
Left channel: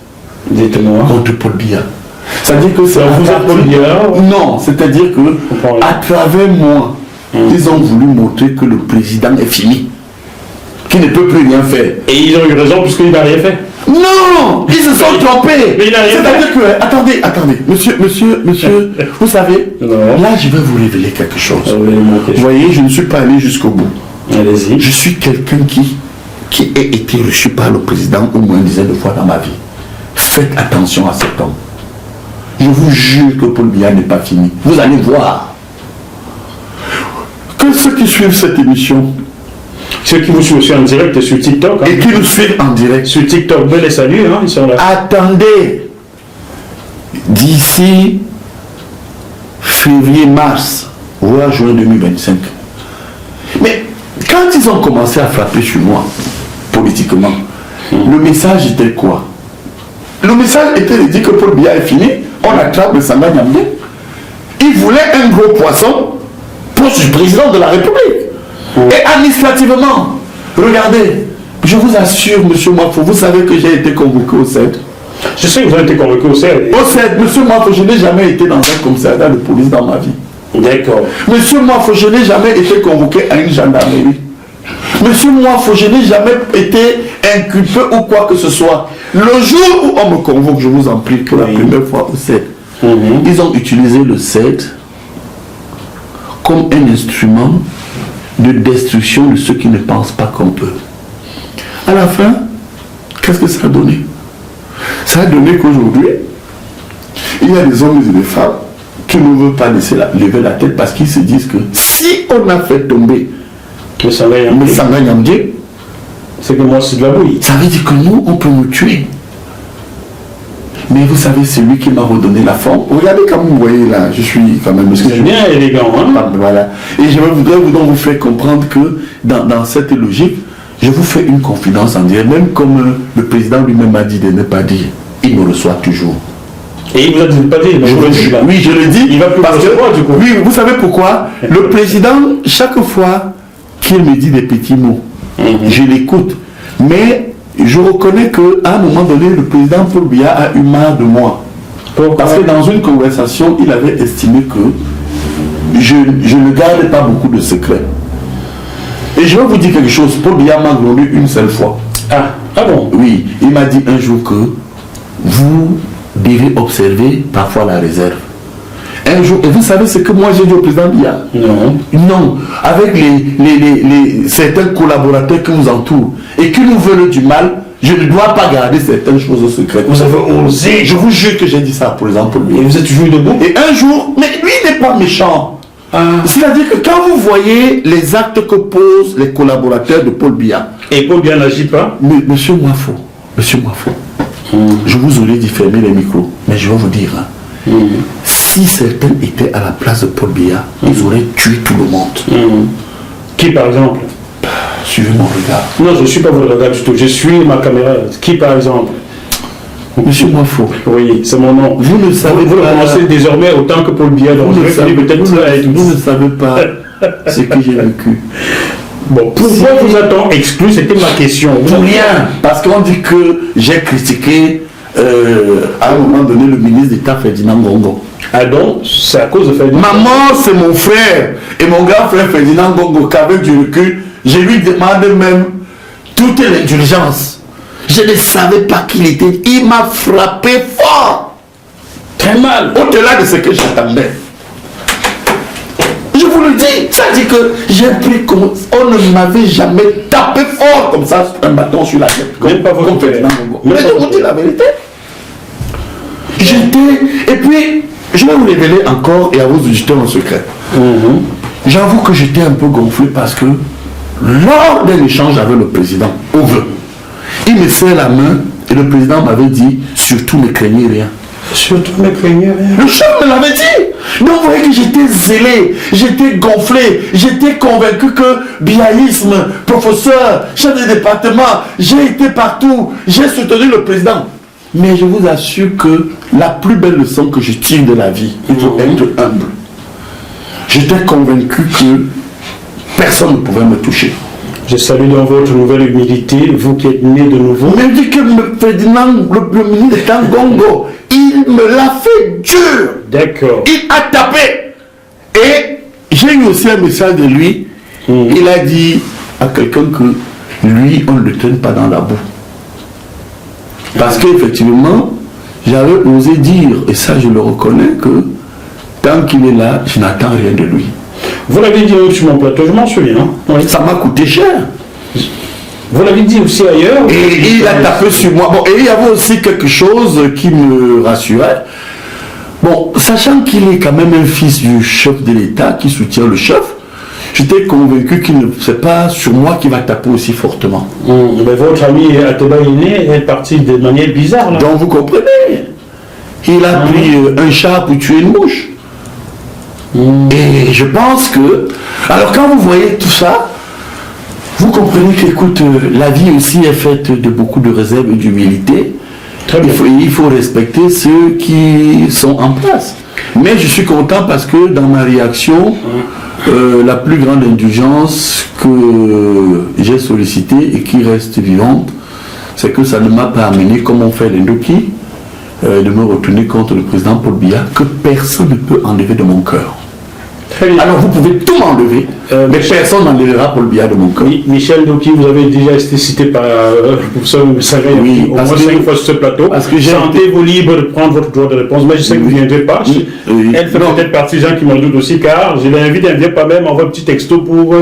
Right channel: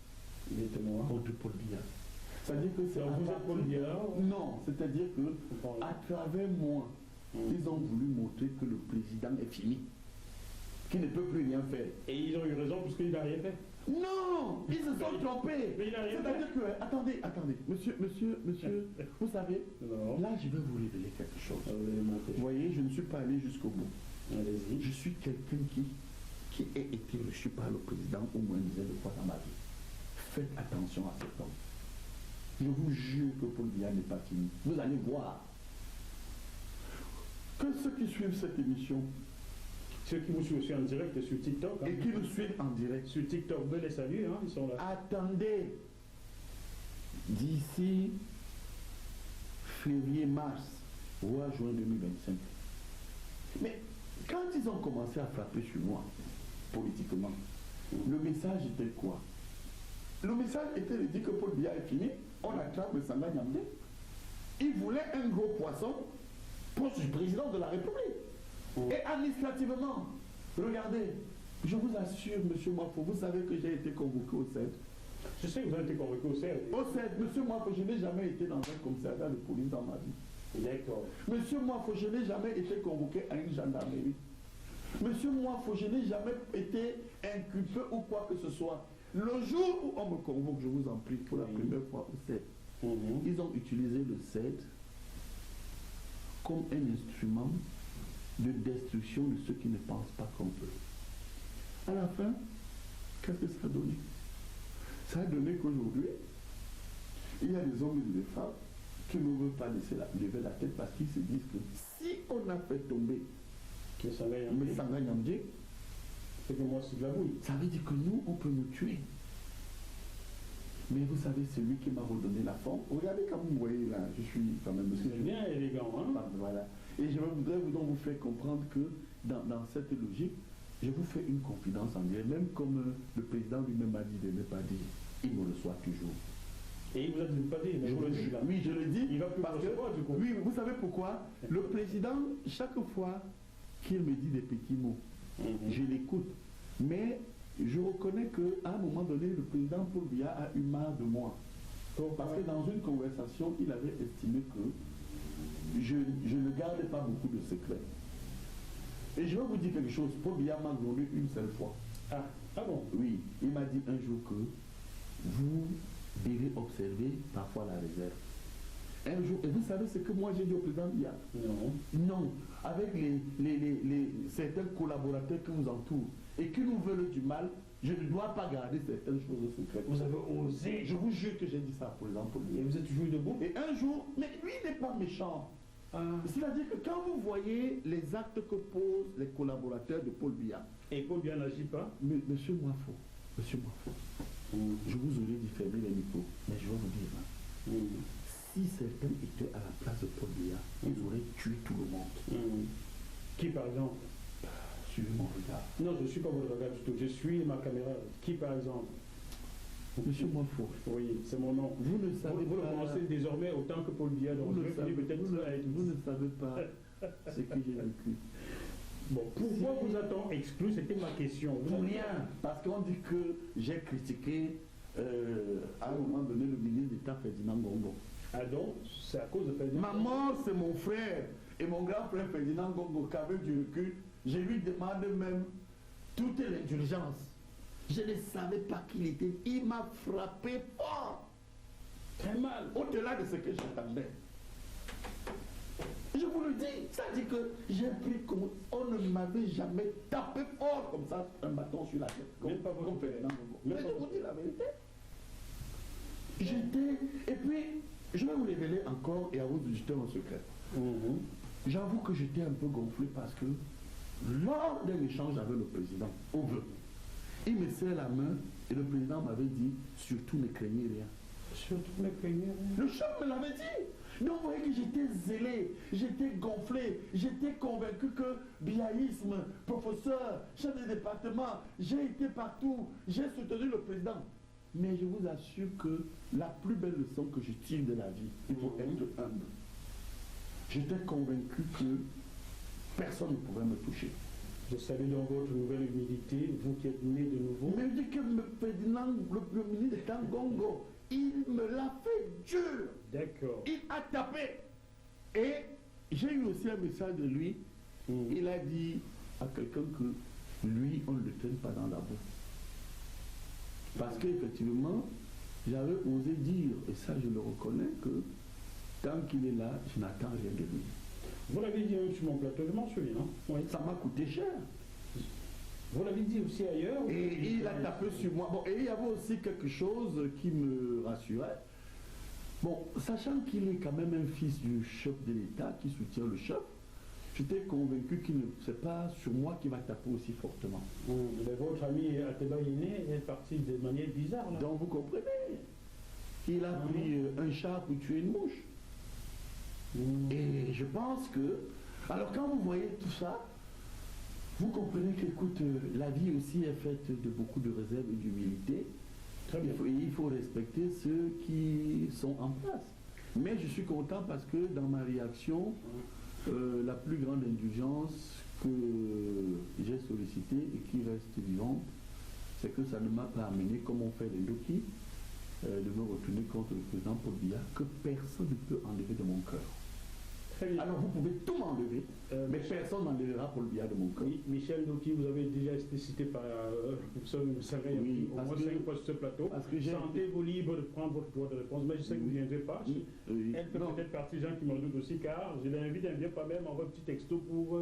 Dites-moi. Contre Paul Biya. C'est-à-dire que c'est... Vous êtes Paul Biya? Non, c'est-à-dire que à travers moi, ils ont voulu montrer que le président est fini, qu'il ne peut plus rien faire. Et ils ont eu raison puisqu'il n'a rien fait. Non, ils se sont trompés. Mais il n'a rien fait. C'est-à-dire que, attendez, monsieur, vous savez, là je vais vous révéler quelque chose. Vous voyez, je ne suis pas allé jusqu'au bout. Allez-y. Je suis quelqu'un qui a été reçu par le président au moins une dizaine de fois dans ma vie. Faites attention à cet homme. Je vous jure que Paul Biya n'est pas fini. Vous allez voir que ceux qui suivent cette émission, ceux qui vous suivent aussi en direct sur TikTok, et qui nous suivent en direct sur TikTok, ben les saluts, ils sont là. Attendez, d'ici février-mars, voire juin 2025. Mais quand ils ont commencé à frapper sur moi, politiquement, le message était quoi? Le message était de dire que Paul Biya est fini, on attrape le Sanga Nyamdé. Il voulait un gros poisson poste du président de la République. Et administrativement, regardez, je vous assure, monsieur Mwafo, vous savez que j'ai été convoqué au CED. Je sais que vous avez été convoqué au CED. Au CED, monsieur Mwafo, je n'ai jamais été dans un commissariat de police dans ma vie. D'accord. Monsieur Mwafo, je n'ai jamais été convoqué à une gendarmerie. Monsieur Mwafo, je n'ai jamais été inculpé ou quoi que ce soit. Le jour où on me convoque, je vous en prie, que la première fois au CED, ils ont utilisé le CED comme un instrument de destruction de ceux qui ne pensent pas comme eux. À la fin, qu'est-ce que ça a donné? Ça a donné qu'aujourd'hui, il y a des hommes et des femmes qui ne veulent pas lever la tête parce qu'ils se disent que si on a fait tomber le Sanga Nyamdé, c'est que moi c'est de la bouille. Ça veut dire que nous, on peut nous tuer. Mais vous savez, c'est lui qui m'a redonné la forme. Regardez comme vous voyez là, je suis quand même... C'est bien élégant, hein? Voilà. Et je voudrais vous faire comprendre que dans cette logique, je vous fais une confidence en direct, même comme le président lui-même m'a dit de ne pas dire, il me reçoit toujours. Et il vous a dit de ne pas dire, oui, je le dis. Il va plus parce que, du coup. Oui, vous savez pourquoi? Le président, chaque fois qu'il me dit des petits mots, je l'écoute. Mais je reconnais qu'à un moment donné, le président Paul Biya a eu marre de moi. Parce que dans une conversation, il avait estimé que je ne gardais pas beaucoup de secrets. Et je vais vous dire quelque chose, Paul Biya m'a glorifié une seule fois. Ah bon? Oui, il m'a dit un jour que vous devez observer parfois la réserve. Un jour, et vous savez ce que moi j'ai dit au président Biya? Non. Non, avec certains collaborateurs qui nous entourent et qui nous veulent du mal, je ne dois pas garder certaines choses au secret. Vous avez osé? Je vous jure que j'ai dit ça pour exemple. Et vous êtes toujours debout? Et un jour, mais lui n'est pas méchant. C'est-à-dire que quand vous voyez les actes que posent les collaborateurs de Paul Biya. Et Paul Biya n'agit pas? Monsieur Mwafo, je vous aurais dit fermer les micros, mais je vais vous dire, si certains étaient à la place de Paul Biya, ils auraient tué tout le monde. Qui par exemple? Suivez mon regard. Non, je ne suis pas votre regard du tout, je suis ma caméra. Qui par exemple? Monsieur Mwafo. Oui, c'est mon nom. Vous ne savez vous le connaissez désormais autant que Paul Biya, donc vous ne savez pas ce que j'ai vécu. Bon, pourquoi vous a-t-on exclu? C'était ma question. Pour rien, parce qu'on dit que j'ai critiqué à un moment donné le ministre d'État Ferdinand Ngongo. Ah donc, c'est à cause de Ferdinand? Maman, c'est mon frère et mon grand frère Ferdinand Ngongo qu'avec du recul, je lui demande même toute l'indulgence. Je ne savais pas qui il était. Il m'a frappé fort. Très mal. Au-delà de ce que j'attendais. Je vous le dis, ça dit que j'ai pris comme... On ne m'avait jamais tapé fort comme ça, un bâton sur la tête. Même pas votre frère. Mais je vous dis la vérité. Et puis, je vais vous révéler encore et à vos auditeurs en secret. J'avoue que j'étais un peu gonflé parce que lors d'un échange avec le président, au vœu, il me serre la main et le président m'avait dit, surtout ne craignez rien. Surtout ne craignez rien. Le chef me l'avait dit. Donc vous voyez que j'étais zélé, j'étais gonflé, j'étais convaincu que biaïsme, professeur, chef de département, j'ai été partout, j'ai soutenu le président. Mais je vous assure que la plus belle leçon que je tire de la vie, il faut être humble. J'étais convaincu que personne ne pouvait me toucher. Je salue dans votre nouvelle humilité, vous qui êtes né de nouveau. Mais dit que Ferdinand, le ministre d'État Ngongo, il me l'a fait dur. D'accord. Il a tapé. Et j'ai eu aussi un message de lui. Il a dit à quelqu'un que lui, on ne le traîne pas dans la boue. Parce qu'effectivement, j'avais osé dire, et ça je le reconnais, que tant qu'il est là, je n'attends rien de lui. Vous l'avez dit sur mon plateau, je m'en souviens. Oui. Ça m'a coûté cher. Vous l'avez dit aussi ailleurs. Et il a tapé sur moi. Bon, et il y avait aussi quelque chose qui me rassurait. Bon, sachant qu'il est quand même un fils du chef de l'État qui soutient le chef, j'étais convaincu qu'il ne sait pas sur moi qu'il va taper aussi fortement. Mais votre ami Ateba Iné est parti de manière bizarre là. Donc vous comprenez. Il a pris un chat pour tuer une mouche. Et je pense que... Alors quand vous voyez tout ça, vous comprenez qu'écoute, la vie aussi est faite de beaucoup de réserves et d'humilité. Il faut respecter ceux qui sont en place. Mais je suis content parce que dans ma réaction, la plus grande indulgence que j'ai sollicitée et qui reste vivante, c'est que ça ne m'a pas amené, comme on fait les Ndoki, de me retourner contre le président Paul Biya, que personne ne peut enlever de mon cœur. Alors vous pouvez tout m'enlever, mais personne n'enlèvera Paul Biya de mon cœur. Michel Ndoki, vous avez déjà été cité par le professeur Messanga au moins 5 fois sur ce plateau. Sentez-vous libre de prendre votre droit de réponse, mais je sais que vous ne viendrez pas. Elle fait peut-être partie des gens qui m'en doutent aussi, car je l'invite, elle ne vient pas même, envoie un petit texto pour...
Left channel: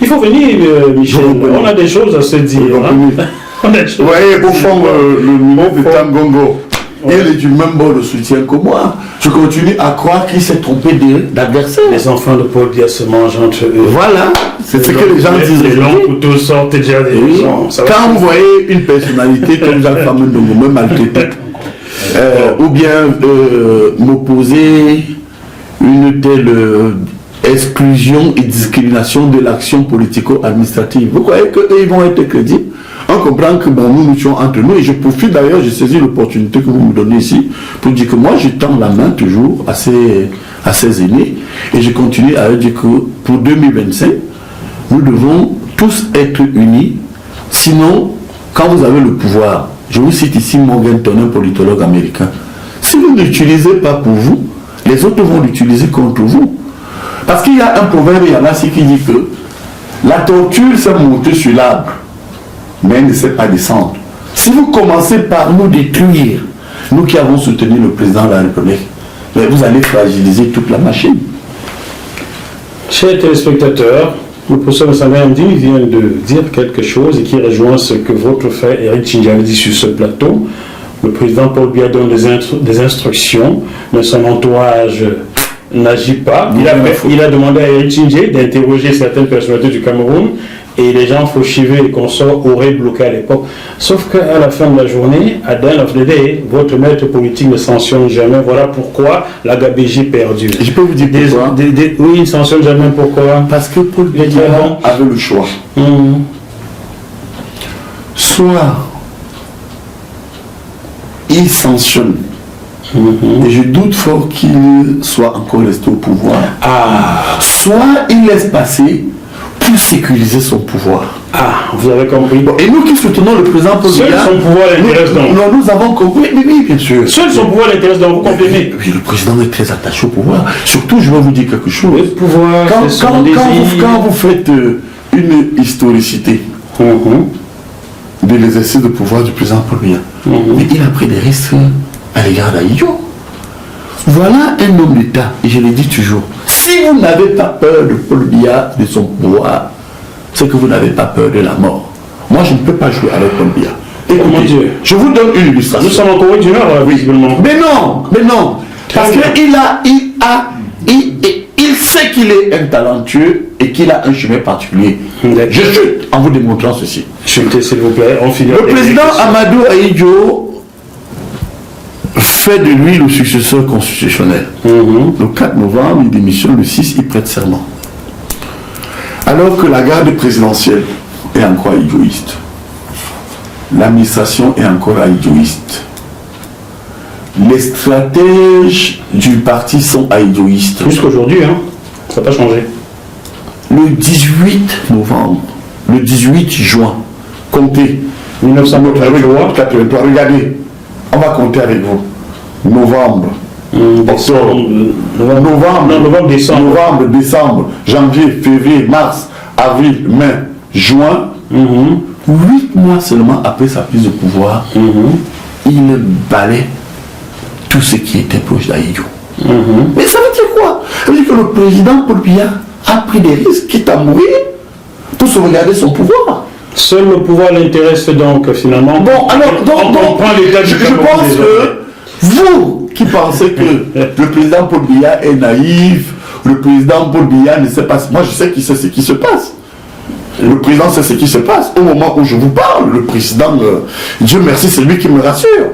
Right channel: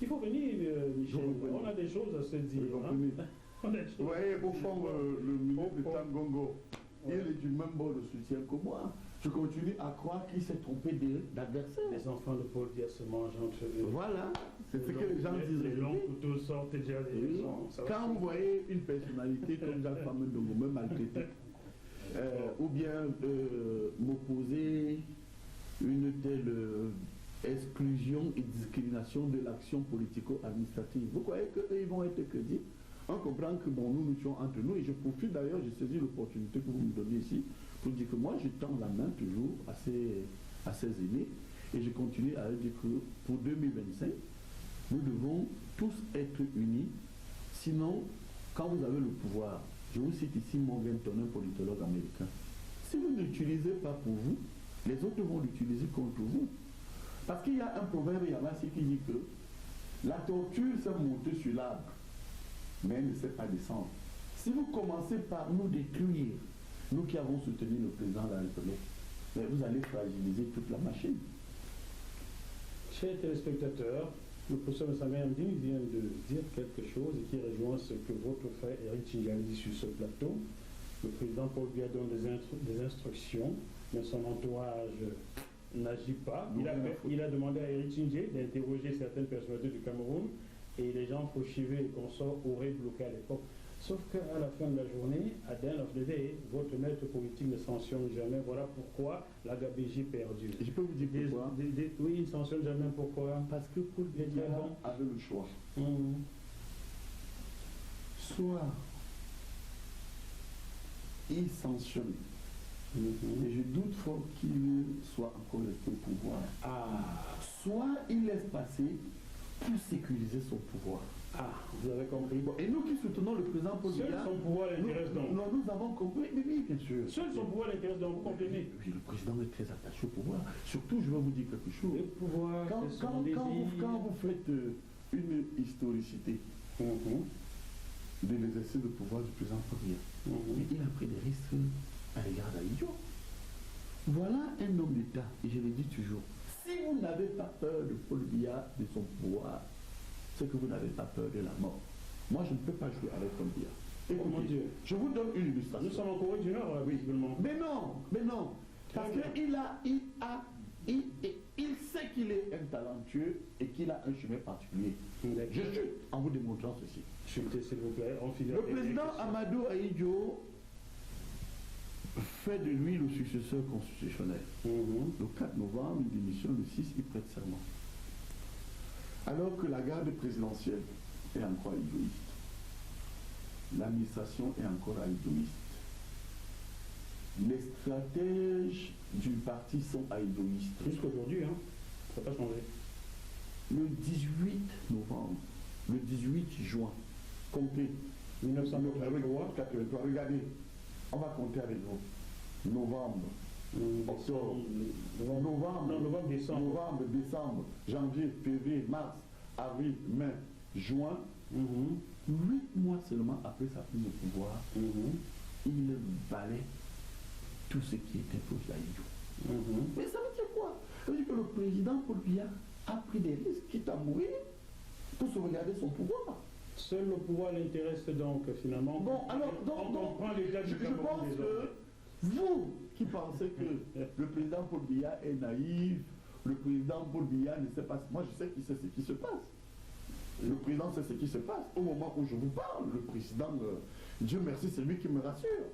Il faut venir, Michel, on a des choses à se dire. Vous voyez, au fond, le ministre d'État Ngongo, il est du même bord de soutien que moi. Je continue à croire qu'il s'est trompé d'adversaire. Les enfants de Paul Biya se mangent entre eux. Voilà, c'est ce que les gens disent. Les longs couteaux sortent déjà des gens. Quand vous voyez une personnalité comme Jacques Fameux Ndongo me maltraiter, ou bien m'opposer une telle exclusion et discrimination de l'action politico-administrative. Vous croyez qu'eux, ils vont être crédibles? On comprend que bon, nous sommes entre nous, et je profite d'ailleurs, j'ai saisi l'opportunité que vous me donnez ici pour dire que moi je tends la main toujours à ces aînés, et je continue à dire que pour 2025, nous devons tous être unis. Sinon, quand vous avez le pouvoir, je vous cite ici Morganton, un politologue américain, si vous ne l'utilisez pas pour vous, les autres vont l'utiliser contre vous. Parce qu'il y a un proverbe, il y en a qui dit que la tortue s'est montée sur l'arbre, mais elle ne sait pas descendre. Si vous commencez par nous détruire, nous qui avons soutenu le président de la République, vous allez fragiliser toute la machine. Chers téléspectateurs, le professeur Messanga-Nyamdine vient de dire quelque chose et qui rejoint ce que votre frère Eric Tchindji avait dit sur ce plateau. Le président Paul Biya donne des instructions, mais son entourage n'agit pas. Il a demandé à Eric Tchindji d'interroger certaines personnalités du Cameroun, et les gens Fauchivé et consorts auraient bloqué à l'époque. Sauf qu'à la fin de la journée, à the end of the day, votre maître politique ne sanctionne jamais. Voilà pourquoi la gabegie perdure. Je peux vous dire pourquoi? Oui, il ne sanctionne jamais. Pourquoi? Parce que Paul Biya avait le choix. Soit il sanctionne, et je doute fort qu'il soit encore resté au pouvoir, soit il laisse passer pour sécuriser son pouvoir. Vous avez compris. Bon, et nous qui soutenons le président Paul Biya, seul son pouvoir l'intéresse donc. Nous avons compris, oui, bien sûr. Seul son pouvoir l'intéresse donc, vous comprenez. Oui, le président est très attaché au pouvoir. Surtout, je vais vous dire quelque chose. Le pouvoir, quand vous faites une historicité de l'exercice de pouvoir du président Paul Biya, mais il a pris des risques à l'égard d'Ahidjo. Voilà un homme d'État, et je le dis toujours. Si vous n'avez pas peur de Paul Biya, de son pouvoir, c'est que vous n'avez pas peur de la mort. Moi, je ne peux pas jouer avec Paul Biya. Écoutez, je vous donne une illustration. Nous sommes en Corée du Nord, visiblement. Mais non. Parce qu'il sait qu'il est un talentueux et qu'il a un chemin particulier. Je chute en vous démontrant ceci. Chutez, s'il vous plaît. Le président Amadou Ahidjo fait de lui le successeur constitutionnel. Le 4 novembre, il démissionne, le 6, il prête serment. Alors que la garde présidentielle est encore ahidjoïste, l'administration est encore ahidjoïste, les stratèges du parti sont ahidjoïstes. Jusqu'aujourd'hui, ça n'a pas changé. Le 18 novembre, le 18 juin, comptez. 1983, regardez, on va compter avec vous. Novembre, novembre, décembre, janvier, février, mars, avril, mai, juin, 8 mois seulement après sa prise de pouvoir, il balaie tout ce qui était proche d'Ahidjo. Mais ça veut dire quoi? Ça veut dire que le président Paul Biya a pris des risques, quitte à mourir, pour sauvegarder son pouvoir. Seul le pouvoir l'intéresse donc finalement. Bon, alors, on prend l'état du je pense que vous qui pensez que le président Paul Biya est naïf, le président Paul Biya ne sait pas. Moi, je sais qu'il sait ce qui se passe. Le président sait ce qui se passe. Au moment où je vous parle, le président, Dieu merci, c'est lui qui me rassure.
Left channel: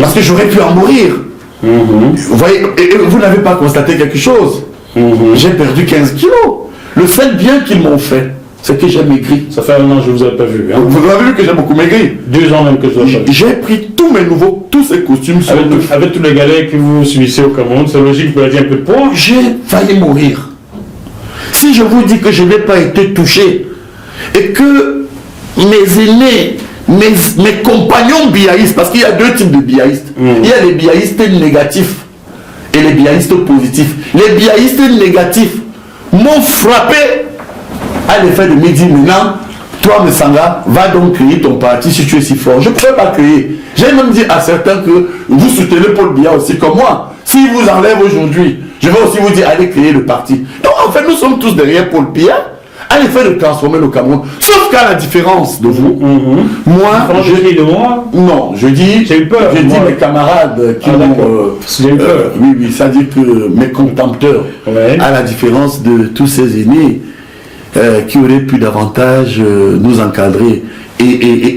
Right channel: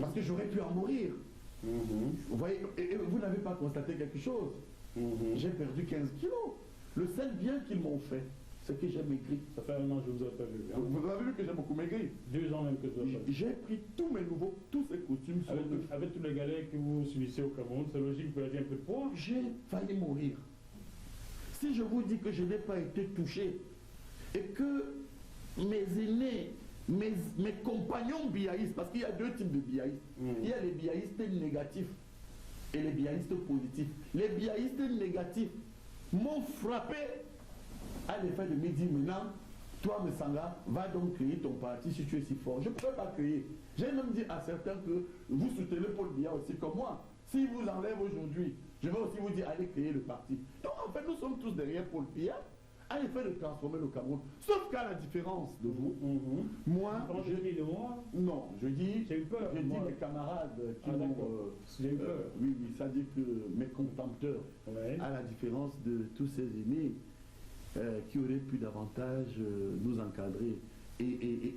Parce que j'aurais pu en mourir. Vous voyez, et vous n'avez pas constaté quelque chose. J'ai perdu 15 kilos. Le seul bien qu'ils m'ont fait, c'est que j'ai maigri. Ça fait 1 an que je ne vous ai pas vu. Vous avez vu que j'ai beaucoup maigri. 2 ans même que je ne vous ai pas vu. J'ai pris tous mes nouveaux, tous ces costumes. Avec tous les galets que vous subissez au Cameroun, c'est logique que vous ayez un peu de poids. J'ai failli mourir. Si je vous dis que je n'ai pas été touché et que mes aînés, mes compagnons biaïstes, parce qu'il y a 2 types de biaïstes. Il y a les biaïstes négatifs et les biaïstes positifs. Les biaïstes négatifs m'ont frappé à l'effet de me dire maintenant, toi Messanga, va donc créer ton parti si tu es si fort. Je ne pouvais pas créer. J'ai même dit à certains que vous soutenez Paul Biya aussi comme moi. S'il vous enlève aujourd'hui, je vais aussi vous dire allez créer le parti. Donc en fait nous sommes tous derrière Paul Biya à l'effet de transformer le Cameroun. Sauf qu'à la différence de vous, moi, non, je dis, j'ai eu peur. J'ai dit mes camarades qui m'ont, oui, ça dit que mes contempteurs, à la différence de tous ces aînés qui auraient pu davantage nous encadrer et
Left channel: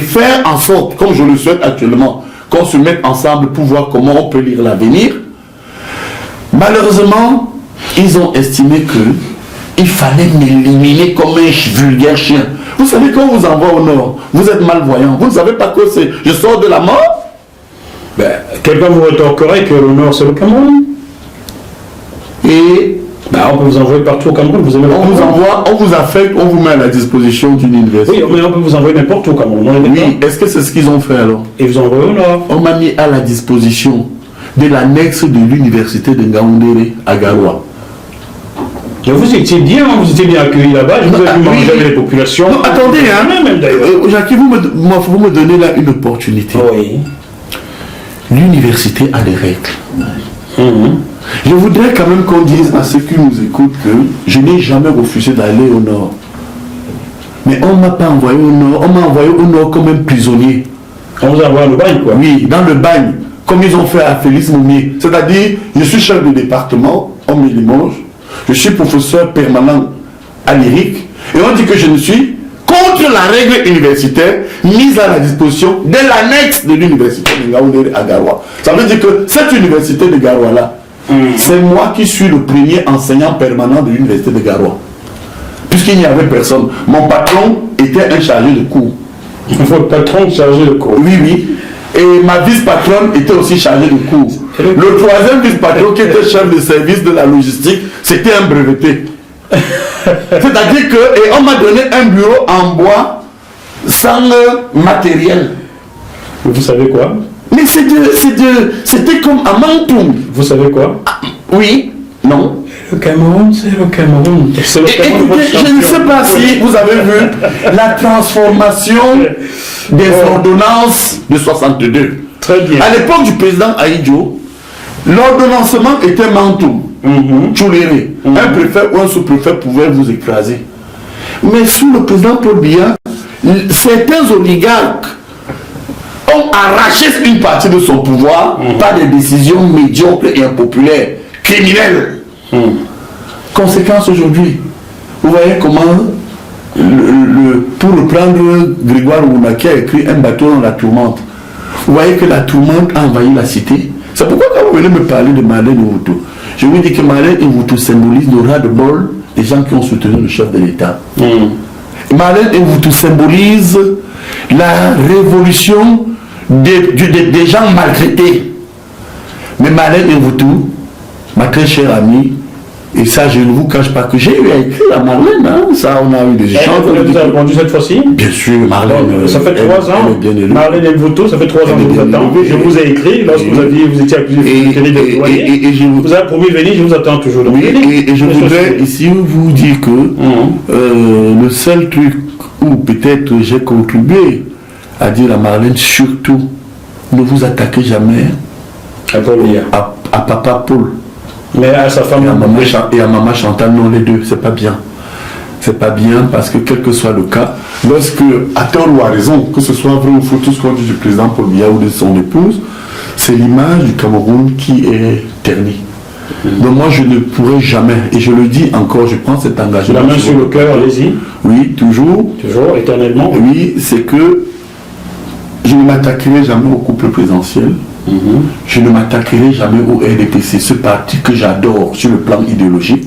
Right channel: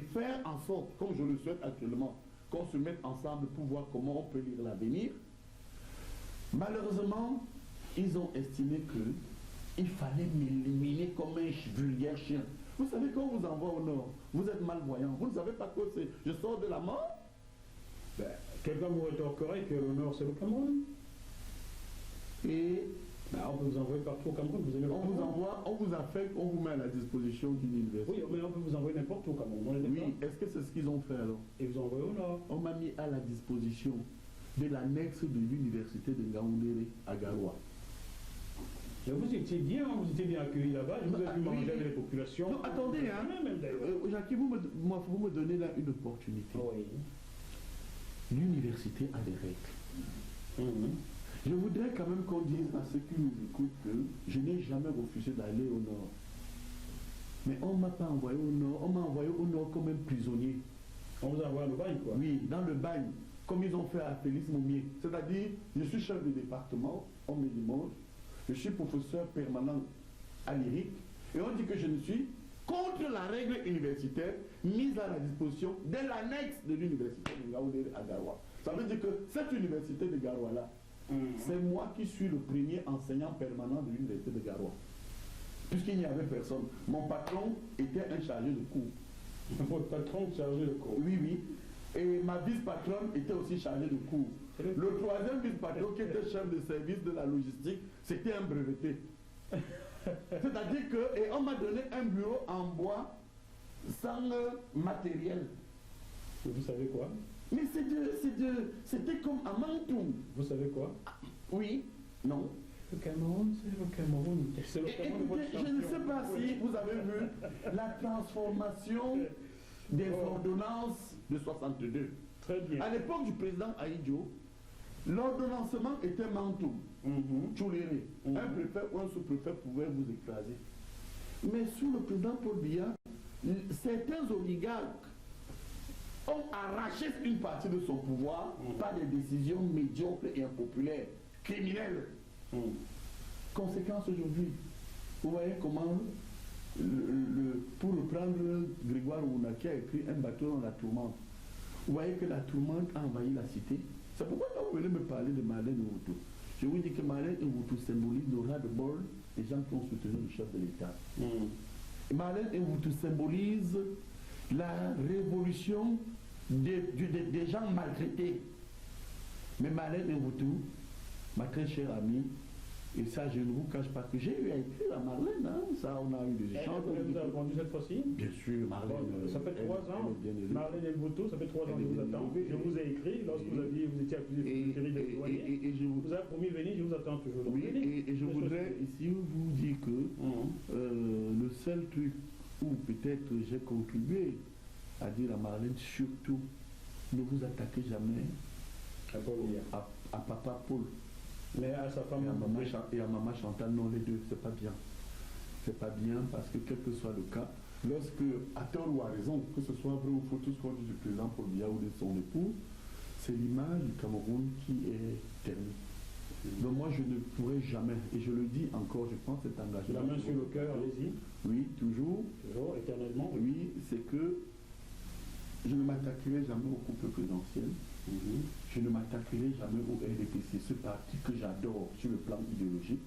faire en sorte, comme je le souhaite actuellement, qu'on se mette ensemble pour voir comment on peut lire l'avenir. Malheureusement, ils ont estimé qu'il fallait m'éliminer comme un vulgaire chien. Vous savez, quand on vous envoie au nord, vous êtes malvoyant. Vous ne savez pas que c'est je sors de la mort. Ben, quelqu'un vous rétorquerait que le nord c'est le Cameroun. Et on peut vous envoyer partout au Cameroun. Vous aimez on vous envoie, on vous affecte, on vous met à la disposition d'une université. Oui, mais on peut vous envoyer n'importe où au Cameroun. Oui, est-ce que c'est ce qu'ils ont fait alors? Et vous envoyez au nord. On m'a mis à la disposition de l'annexe de l'université de Ngaoundéré à Garoua. Mais vous étiez bien accueilli là-bas, je vous ai vu manger avec les populations. Non, attendez, même d'ailleurs. Jacques, vous me donnez là une opportunité. Oui. L'université a des règles. Je voudrais quand même qu'on dise à ceux qui nous écoutent que je n'ai jamais refusé d'aller au nord. Mais on ne m'a pas envoyé au nord, on m'a envoyé au nord comme un prisonnier. On vous envoie au bagne, quoi. Oui, dans le bagne, comme ils ont fait à Félix Moumier. C'est-à-dire, je suis chef de département, on me Limoges, je suis professeur permanent à l'IRIC, et on dit que je ne suis contre la règle universitaire mise à la disposition de l'annexe de l'université de Ngaoundéré à Garoua. Ça veut dire que cette université de Garoua-là, c'est moi qui suis le premier enseignant permanent de l'université de Garoua. Puisqu'il n'y avait personne. Mon patron était un chargé de cours. Votre patron chargé de cours. Oui, oui. Et ma vice-patronne était aussi chargée de cours. Le troisième vice-patron qui était chef de service de la logistique, c'était un breveté. C'est-à-dire que, et on m'a donné un bureau en bois sans matériel. Vous savez quoi? Mais c'était comme à Mantoum. Vous savez quoi? Oui, non. Le Cameroun, c'est le Cameroun. Écoutez, je ne sais pas si vous avez vu la transformation des ordonnances de 62. Très bien. À l'époque du président Aïdjo, l'ordonnancement était Mantoum, Tchouléré. Un préfet ou un sous-préfet pouvait vous écraser. Mais sous le président Paul Biya, certains oligarques ont arraché une partie de son pouvoir par des décisions médiocres et impopulaires, criminelles. Conséquence aujourd'hui, vous voyez comment, pour reprendre Grégoire Ouna qui a écrit Un bateau dans la tourmente, vous voyez que la tourmente a envahi la cité. C'est pourquoi quand vous venez me parler de Marlène Owutu, je vous dis que Marlène Owutu symbolise le ras de bol des gens qui ont soutenu le chef de l'État. Marlène Owutu symbolise la révolution des gens maltraités. Mais Marlène Owutu, ma très chère amie, et ça je ne vous cache pas que j'ai eu à écrire à Marlène, hein, ça on a eu des échanges. Vous avez répondu cette fois-ci? Bien sûr, Marlène. Ça fait 3 ans. Marlène Owutu, ça fait 3 ans que vous attends. Je vous ai écrit lorsque vous étiez accusé de doyer. Vous avez promis de venir, je vous attends toujours. Oui, et je voudrais ici vous dire que le seul truc où peut-être j'ai contribué à dire à Marlène, surtout, ne vous attaquez jamais à papa Paul. Mais à sa femme et à maman Chantal, non, les deux, c'est pas bien. C'est pas bien parce que quel que soit le cas, lorsque, à tort ou à raison, que ce soit vrai ou faux, tout ce qu'on dit du président Paul Biya ou de son épouse, c'est l'image du Cameroun qui est ternie. Donc moi je ne pourrai jamais, et je le dis encore, je prends cet engagement. La main sur le cœur, allez-y. Oui, toujours. Toujours, éternellement. Oui, c'est que je ne m'attaquerai jamais au couple présidentiel. Je ne m'attaquerai jamais au RDPC, ce parti que j'adore sur le plan idéologique.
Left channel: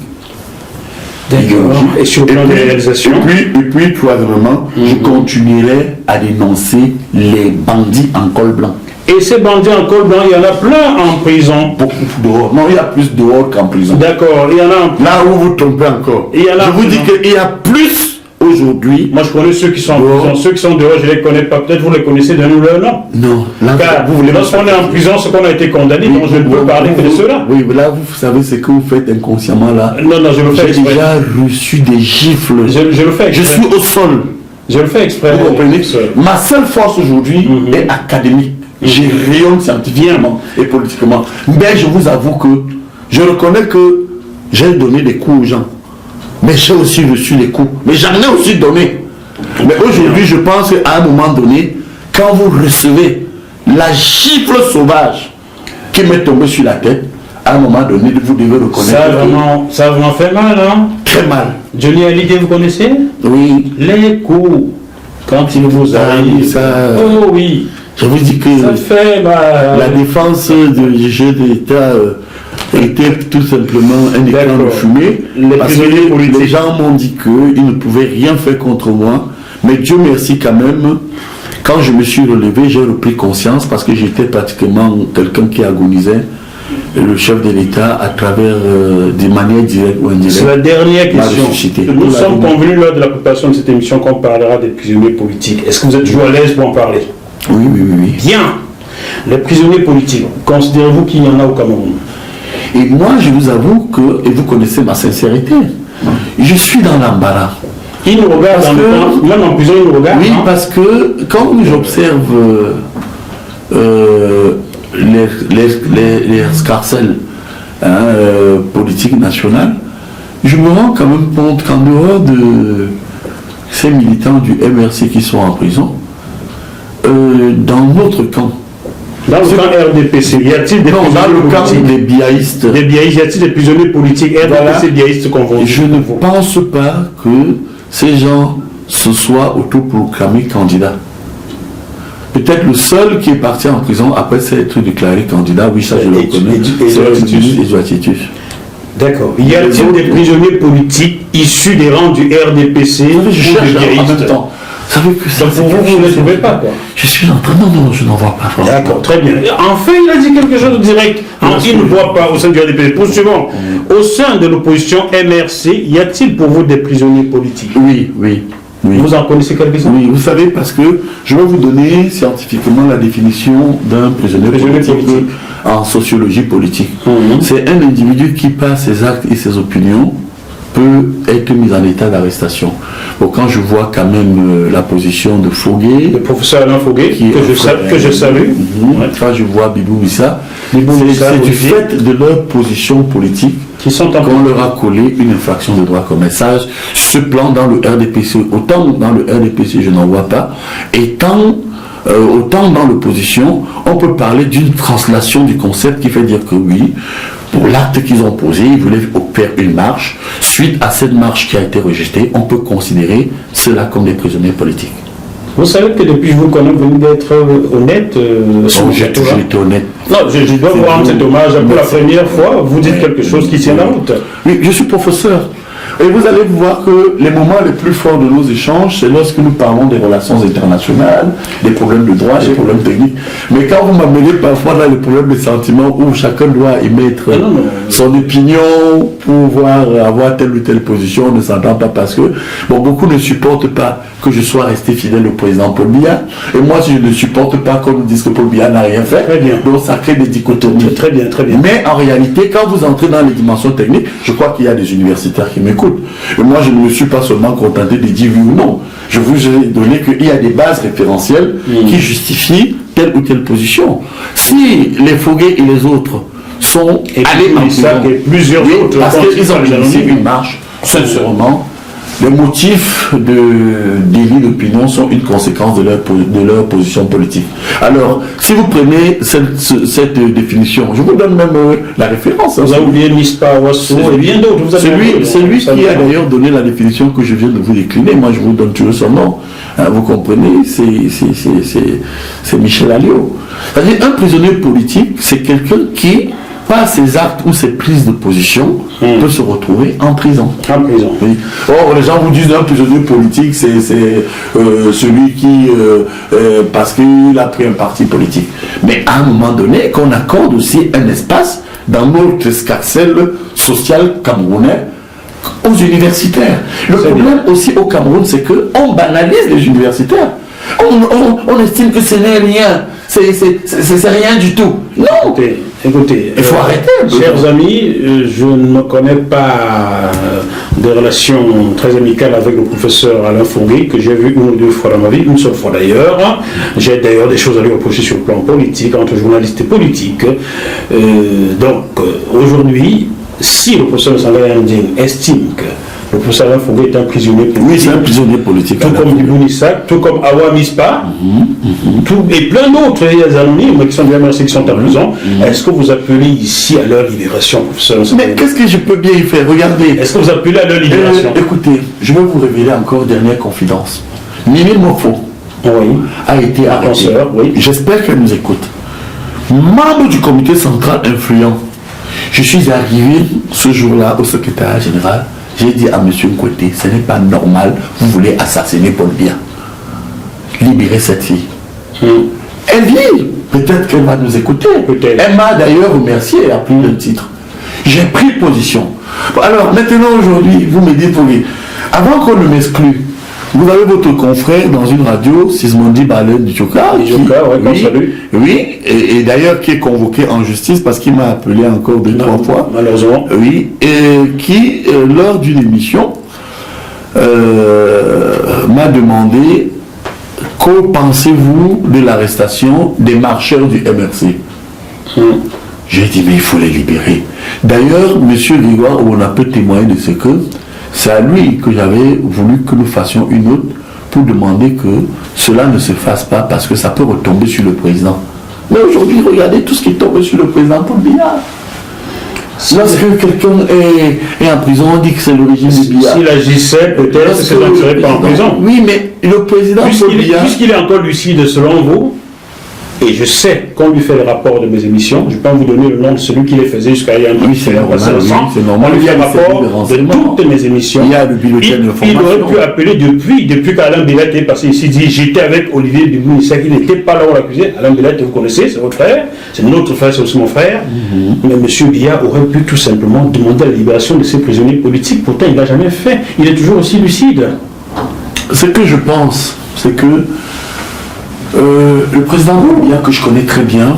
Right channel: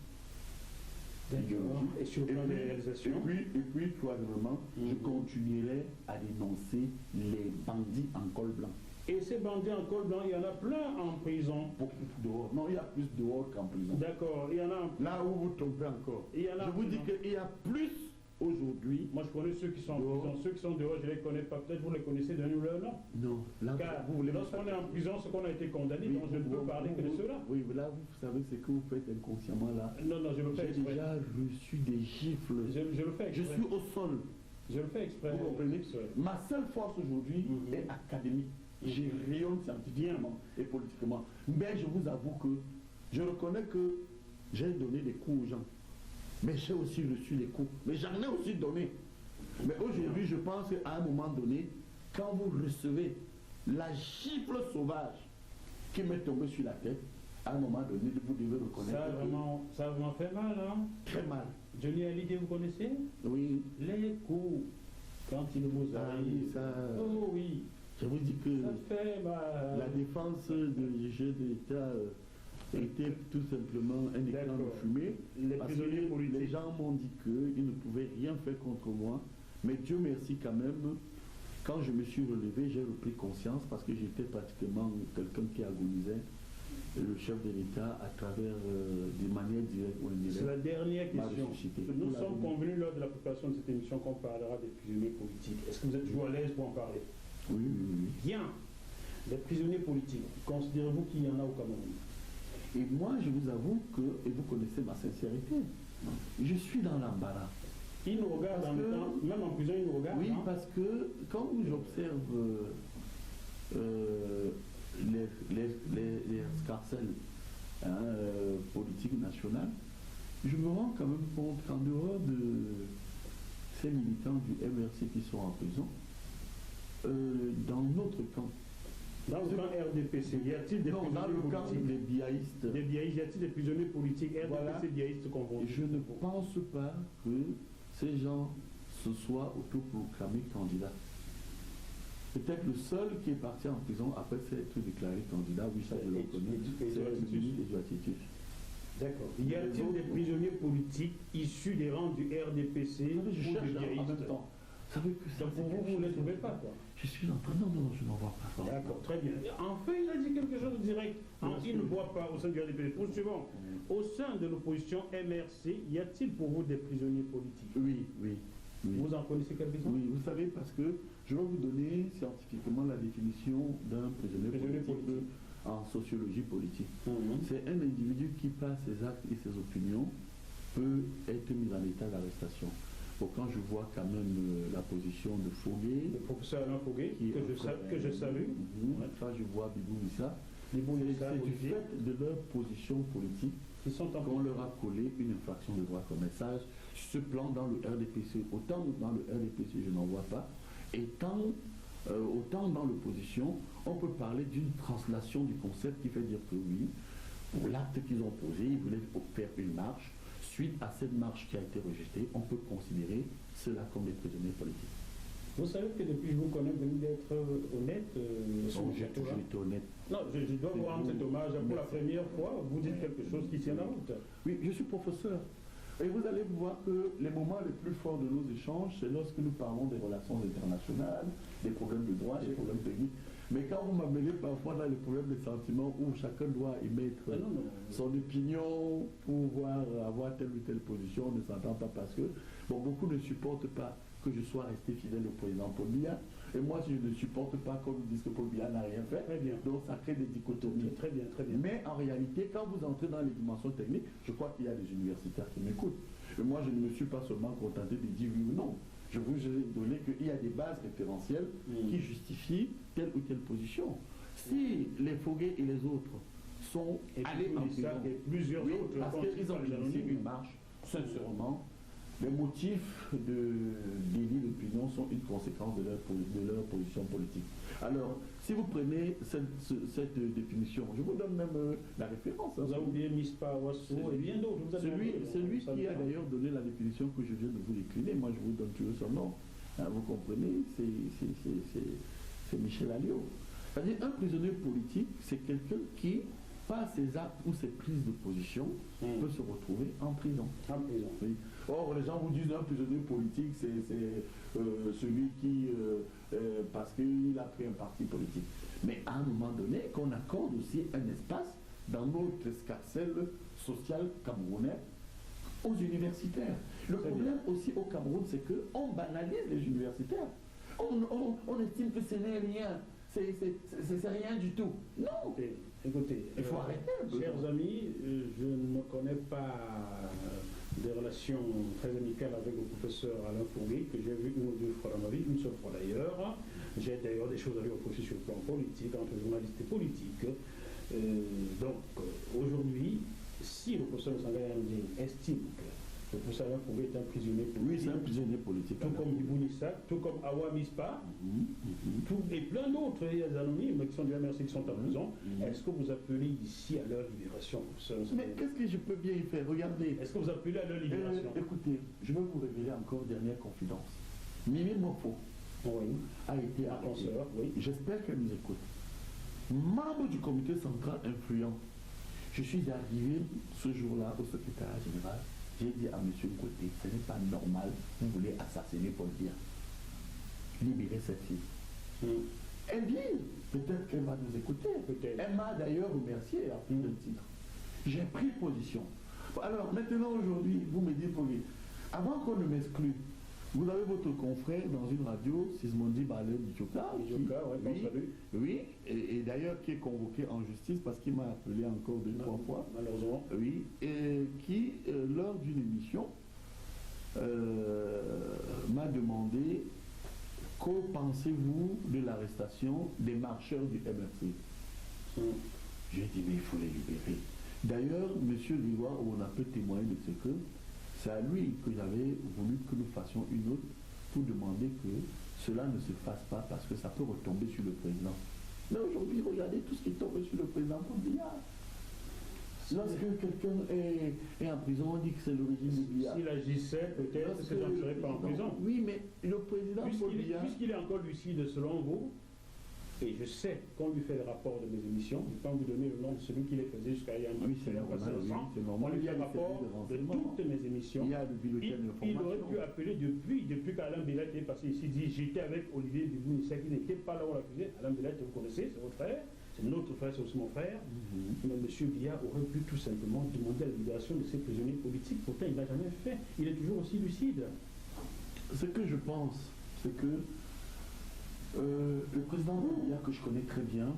Et sur le plan des réalisations. Et puis troisièmement, je continuerai à dénoncer les bandits en col blanc. Et ces bandits en col blanc, il y en a plein en prison. Beaucoup dehors. Non, il y a plus dehors qu'en prison. D'accord, il y en a en prison. Là où vous trompez encore. Je vous dis qu'il y a plus aujourd'hui. Moi je connais ceux qui sont en prison. Ceux qui sont dehors, je ne les connais pas. Peut-être vous les connaissez d'un ou leur nom. Non. Là, car lorsqu'on est en prison, c'est qu'on a été condamné, donc je ne peux parler que de ceux-là. Oui, mais là vous savez ce que vous faites inconsciemment là. Non, je le fais exprès. J'ai déjà reçu des gifles. Je le fais exprès. Je suis au sol. Je le fais exprès. Vous comprenez? Ma seule force aujourd'hui est académique. Je rayonne scientifiquement et politiquement. Mais je vous avoue que je reconnais que j'ai donné des coups aux gens. Mais j'ai aussi reçu les coups. Mais j'en ai aussi donné. Mais aujourd'hui, je pense qu'à un moment donné, quand vous recevez la gifle sauvage qui m'est tombée sur la tête, à un moment donné, vous devez reconnaître. Ça a vraiment fait mal, hein? Très mal. Johnny Hallyday, vous connaissez? Oui. Les coups, quand il vous arrive. Ça... Oh oui. Je vous dis que la défense du chef de l'État était tout simplement un écran de fumée. Parce que les gens m'ont dit qu'ils ne pouvaient rien faire contre moi. Mais Dieu merci quand même, quand je me suis relevé, j'ai repris conscience parce que j'étais pratiquement quelqu'un qui agonisait. Le chef de l'État à travers des manières directes ou indirectes. C'est la dernière question. Nous sommes convenus lors de la préparation de cette émission qu'on parlera des prisonniers politiques. Est-ce que vous êtes toujours à l'aise pour en parler? Oui. Bien. Les prisonniers politiques, considérez-vous qu'il y en a au Cameroun? Et moi, je vous avoue que, et vous connaissez ma sincérité, je suis dans l'embarras. Ils nous regardent même en prison, ils nous regardent. Oui, parce que quand j'observe les escarcelles politiques nationales, je me rends quand même compte qu'en dehors de ces militants du MRC qui sont en prison, dans notre camp, dans le camp RDPC, y a-t-il des prisonniers dans le camp politiques? des biaïstes, y a-t-il des prisonniers politiques RDPC biaïstes confondus? Je ne pense pas que ces gens se soient autoproclamés candidats. Peut-être le seul qui est parti en prison après s'être déclaré candidat, oui, ça je le connais, c'est Edouard Titus. D'accord. Y a-t-il des prisonniers politiques issus des rangs du RDPC ou je cherche des en même temps. Ça veut que ça. Donc vous ne les trouvez pas, quoi. Je suis en train. Non, je n'en vois pas. D'accord, très bien. Enfin, il a dit quelque chose de direct. Il ne voit pas au sein du RDPC. Poursuivons. Au sein de l'opposition MRC, y a-t-il pour vous des prisonniers politiques? Oui. Vous en connaissez quelques-uns? Oui, vous savez, parce que je vais vous donner scientifiquement la définition d'un prisonnier politique en sociologie politique. C'est un individu qui, par ses actes et ses opinions, peut être mis en état d'arrestation. Bon, quand je vois quand même la position de Foguet, le professeur Alain Foguet, que je salue, quand je vois Bibou Issa, c'est du fait de leur position politique qu'on leur a collé une infraction de droit commun. Ça, ce plan dans le RDPC, autant dans le RDPC je n'en vois pas, et autant dans l'opposition, on peut parler d'une translation du concept qui fait dire que oui, pour l'acte qu'ils ont posé, ils voulaient faire une marche. Suite à cette marche qui a été rejetée, on peut considérer cela comme des prisonniers politiques. Vous savez que depuis que je vous connais, vous venez d'être honnête. J'ai toujours été honnête. Non, je dois vous rendre cet hommage. Pour la première fois, vous dites quelque chose qui tient la route. Oui, je suis professeur. Et vous allez voir que les moments les plus forts de nos échanges, c'est lorsque nous parlons des relations internationales, des problèmes de droit, des problèmes techniques. Mais quand vous m'amenez parfois dans les problèmes de sentiments où chacun doit émettre son opinion pour pouvoir avoir telle ou telle position, on ne s'entend pas parce que beaucoup ne supportent pas que je sois resté fidèle au président Paul Biya. Et moi, si je ne supporte pas qu'on nous dise que Paul Biya n'a rien fait, donc ça crée des dichotomies. Très bien. Mais en réalité, quand vous entrez dans les dimensions techniques, je crois qu'il y a des universitaires qui m'écoutent. Et moi, je ne me suis pas seulement contenté de dire oui ou non. Je vous ai donné qu'il y a des bases référentielles qui justifient telle ou telle position. Si les Foguet et les autres sont allés en prison, plusieurs autres parce qu'ils ont initié une marche, sincèrement, les motifs de délit d'opinion sont une conséquence de leur position politique. Alors, si vous prenez cette définition, je vous donne même la référence. Vous avez oublié Mispa, Wasso et bien d'autres. C'est lui qui a d'ailleurs donné la définition que je viens de vous décliner. Moi, je vous donne toujours son nom. Vous comprenez, c'est Michel Alliot. C'est-à-dire, un prisonnier politique, c'est quelqu'un qui, par ses actes ou ses prises de position, peut se retrouver en prison. Oui. Or, les gens vous disent un prisonnier politique, c'est celui qui, parce qu'il a pris un parti politique. Mais à un moment donné, qu'on accorde aussi un espace dans notre escarcelle sociale camerounais aux universitaires. Le problème aussi au Cameroun, c'est qu'on banalise les universitaires. On estime que ce n'est rien. C'est rien du tout. Non. Écoutez, il faut arrêter. Chers amis, je ne connais pas des relations très amicales avec le professeur Alain Foguet, que j'ai vu une ou deux fois dans ma vie, une seule fois d'ailleurs. J'ai d'ailleurs des choses à lui reprocher sur le plan politique, entre journalistes et politiques. Aujourd'hui, si le professeur Sangaya Nding estime que le professeur Alain Foguet est un prisonnier politique. Oui, c'est un prisonnier politique. Tout comme Ibou Nissak, tout comme Awa Mispa, et plein d'autres anonymes qui sont bien merci qui sont en prison. Est-ce que vous appelez ici à leur libération, professeur? Mais qu'est-ce que je peux bien y faire? Regardez. Est-ce que vous appelez à leur libération? Écoutez, je vais vous révéler encore une dernière confidence. Mimi Mofo, a été arrêtée. Oui. J'espère qu'elle nous écoute. Membre du comité central influent. Je suis arrivé ce jour-là au secrétariat général. J'ai dit à M. Nkwete, ce n'est pas normal, vous voulez assassiner Paul Biya. Libérez cette fille. Elle dit, peut-être qu'elle va nous écouter. Elle m'a d'ailleurs remercié à plus d'un titre. J'ai pris position. Alors maintenant aujourd'hui, vous me dites, oui, avant qu'on ne m'exclue, vous avez votre confrère dans une radio, Sismondi Balen du Tchoka, oui, et d'ailleurs qui est convoqué en justice parce qu'il m'a appelé encore 2-3 fois. Malheureusement. Oui, et qui, lors d'une émission, m'a demandé que pensez-vous de l'arrestation des marcheurs du MRC. J'ai dit, mais il faut les libérer. D'ailleurs, M. Grégoire, on a peu témoigné de ce que c'est à lui que j'avais voulu que nous fassions une autre pour demander que cela ne se fasse pas parce que ça peut retomber sur le président. Mais aujourd'hui, regardez tout ce qui tombe sur le président Paul Biya. Lorsque quelqu'un est en prison, on dit que c'est le régime de Biya. S'il agissait, peut-être que ça ne serait pas en prison. Oui, mais le président Paul Biya... Puisqu'il est encore lucide selon vous, et je sais qu'on lui fait le rapport de mes émissions, je peux vous donner le nom de celui qui les faisait jusqu'à il y a un an. Oui, c'est normal. On lui fait le rapport de toutes mes émissions. Il y a le bulletin d'information. Il aurait pu appeler depuis qu'Alain Bellet est passé ici, dit j'étais avec Olivier Dubois, il n'était pas là où on l'accusait. Alain Bellet, vous connaissez, c'est votre frère, c'est notre frère, c'est aussi mon frère. Mais M. Biya aurait pu tout simplement demander la libération de ses prisonniers politiques, pourtant il ne l'a jamais fait. Il est toujours aussi lucide. Ce que je pense, c'est que le président Biya, que je connais très bien,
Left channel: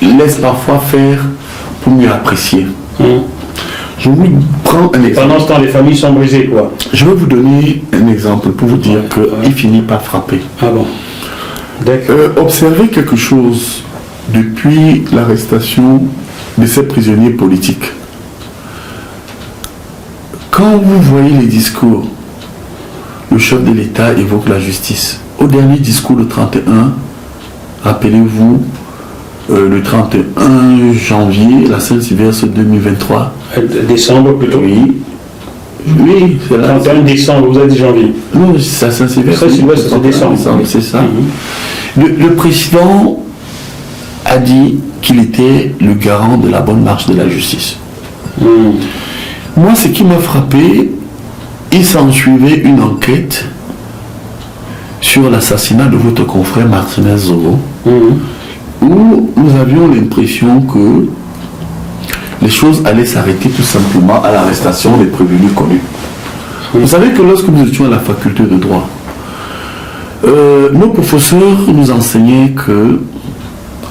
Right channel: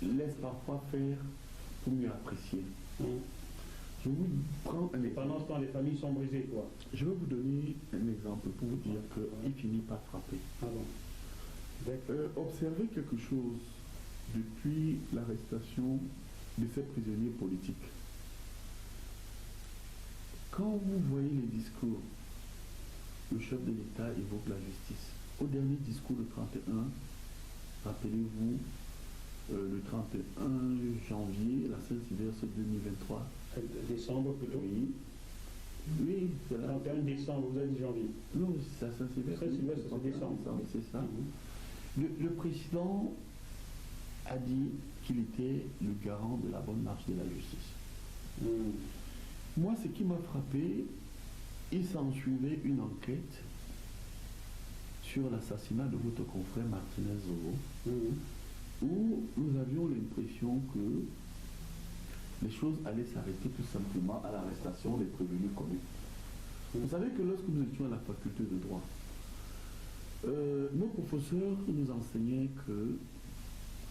laisse parfois faire pour mieux apprécier. Je vous prends un exemple. Pendant ce temps, les familles sont brisées, quoi. Je vais vous donner un exemple pour vous dire qu'il finit par frapper. Ah bon. D'accord. Observez quelque chose depuis l'arrestation de ces prisonniers politiques. Quand vous voyez les discours, le chef de l'État évoque la justice. Au dernier discours, le 31, rappelez-vous, le 31 janvier, la Saint-Sylvestre 2023. Décembre plutôt. Oui. Oui, c'est là. 31 décembre, vous avez dit janvier. Non, c'est Saint-Sylvestre. Saint-Sylvestre, c'est décembre. C'est ça. Le président a dit qu'il était le garant de la bonne marche de la justice. Moi, ce qui m'a frappé, il s'en suivait une enquête sur l'assassinat de votre confrère Martinez Zogo, où nous avions l'impression que les choses allaient s'arrêter tout simplement à l'arrestation des prévenus connus. Vous savez que lorsque nous étions à la faculté de droit, nos professeurs nous enseignaient que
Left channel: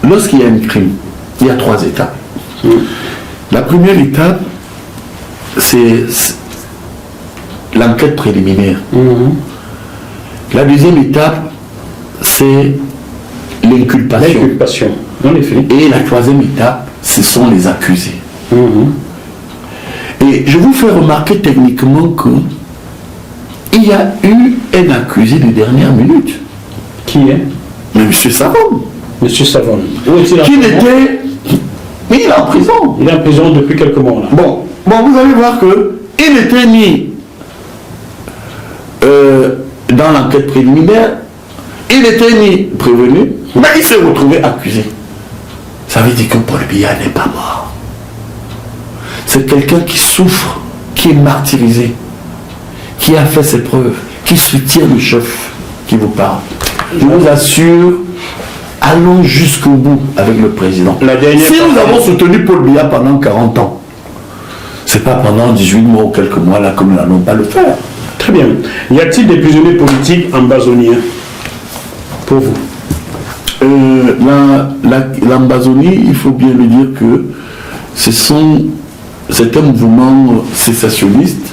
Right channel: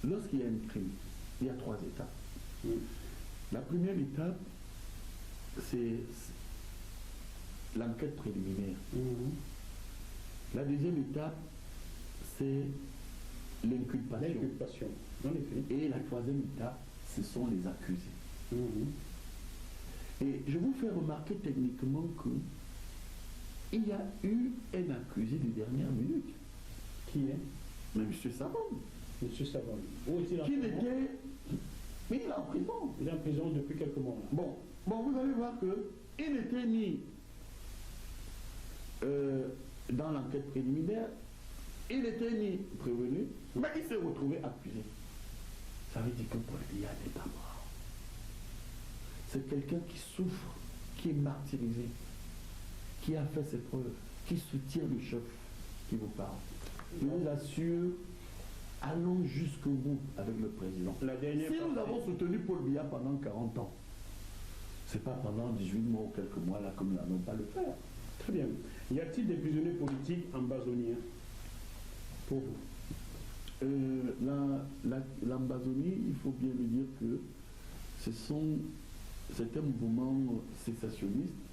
lorsqu'il y a un crime, il y a 3 étapes. La première étape, c'est l'enquête préliminaire. La deuxième étape, c'est l'inculpation. L'inculpation, en effet. Et la troisième étape, ce sont les accusés. Et je vous fais remarquer techniquement qu'il y a eu un accusé de dernière minute. Qui est? Mais M. Savon. M. Savon. Où est-il en Qui prison? n'était... Mais il est en prison. Il est en prison depuis quelques mois. Là. Bon, vous allez voir qu'il n'était ni dans l'enquête préliminaire, il n'était ni prévenu, mais il s'est retrouvé accusé. Ça veut dire que Paul Biya n'est pas mort. C'est quelqu'un qui souffre, qui est martyrisé, qui a fait ses preuves, qui soutient le chef qui vous parle. Je vous assure, allons jusqu'au bout avec le président. Si nous avons soutenu Paul Biya pendant 40 ans, c'est pas pendant 18 mois ou quelques mois là que nous n'allons pas le faire. Très bien. Y a-t-il des prisonniers politiques ambazoniens pour vous? L'Ambazonie, il faut bien le dire que c'est un mouvement sécessionniste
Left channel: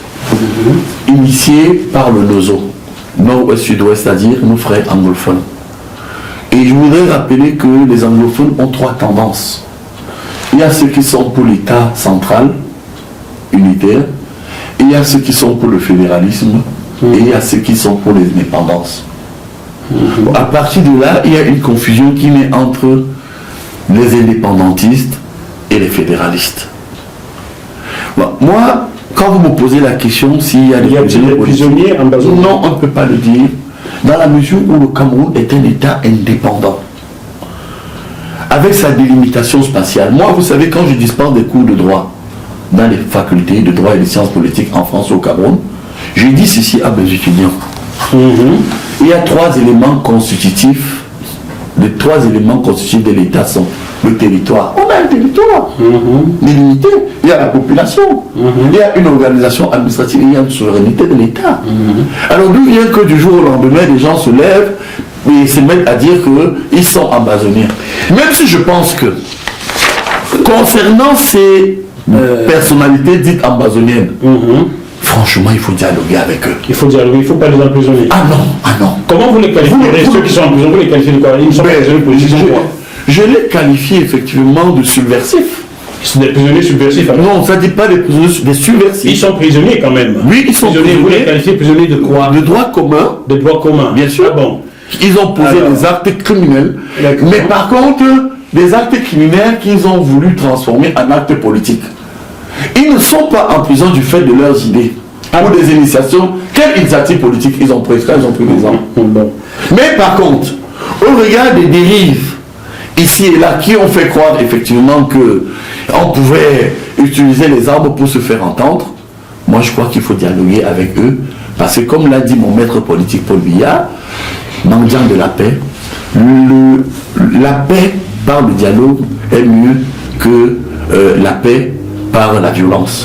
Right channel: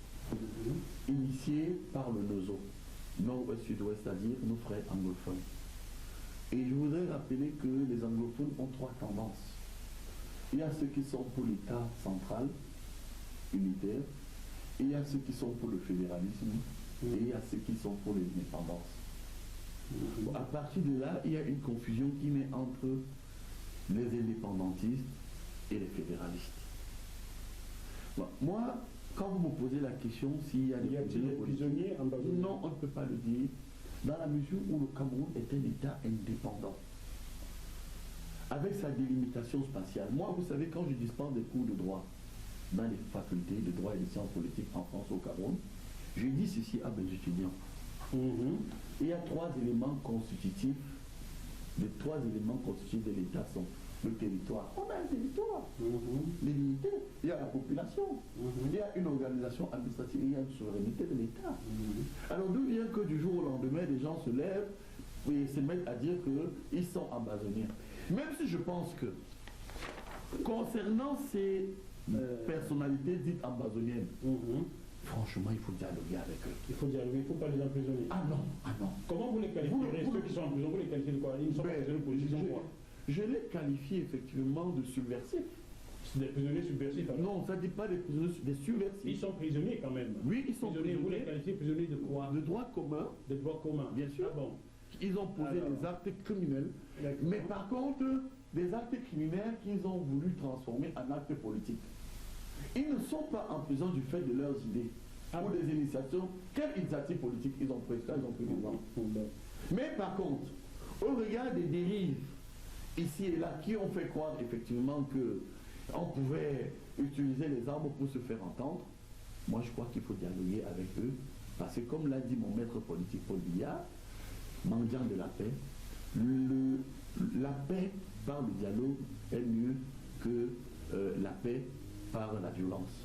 initié par le NOZO, Nord-Ouest-Sud-Ouest, c'est-à-dire nos frères anglophones. Et je voudrais rappeler que les anglophones ont 3 tendances. Il y a ceux qui sont pour l'État central, unitaire, et il y a ceux qui sont pour le fédéralisme, et il y a ceux qui sont pour les indépendances. À partir de là, il y a une confusion qui naît entre les indépendantistes et les fédéralistes. Bon, moi, quand vous me posez la question s'il y a des prisonniers en Bazonie, non, on ne peut pas le dire. dans la mesure où le Cameroun est un État indépendant, avec sa délimitation spatiale. Moi, vous savez, quand je dispense des cours de droit dans les facultés de droit et de sciences politiques en France ou au Cameroun, je dis ceci à mes étudiants. Il y a 3 éléments constitutifs. Les 3 éléments constitutifs de l'État sont le territoire. On a un territoire délimité. Il y a la population. Il y a une organisation administrative. Il y a une souveraineté de l'État. Alors d'où vient que du jour au lendemain, les gens se lèvent et se mettent à dire qu'ils sont amazoniens. Même si je pense que, concernant ces personnalités dites amazoniennes, franchement, il faut dialoguer avec eux. Il faut dialoguer, il ne faut pas les emprisonner. Ah non, ah non. Comment vous les qualifiez, ceux qui sont en prison, vous les qualifiez de quoi? Ils sont emprisonnés politiques, ils sont quoi? Je les qualifie effectivement de subversifs. Ils sont des prisonniers subversifs. Alors. Non, ça ne dit pas des prisonniers, des subversifs. Ils sont prisonniers quand même. Oui, ils sont prisonniers. Vous les qualifiez prisonniers de quoi? De droit commun. De droit commun. Bien sûr. Ah bon. Ils ont posé des actes criminels. Mais par contre, des actes criminels qu'ils ont voulu transformer en actes politiques. Ils ne sont pas en prison du fait de leurs idées. Ou des initiations. Quelle initiative politique ils ont pris? Ils ont pris des armes. Bon. Mais par contre, au regard des dérives ici et là qui ont fait croire effectivement qu'on pouvait utiliser les armes pour se faire entendre, moi je crois qu'il faut dialoguer avec eux, parce que comme l'a dit mon maître politique Paul Biya, mendiant de la paix, la paix par le dialogue est mieux que la paix par la violence.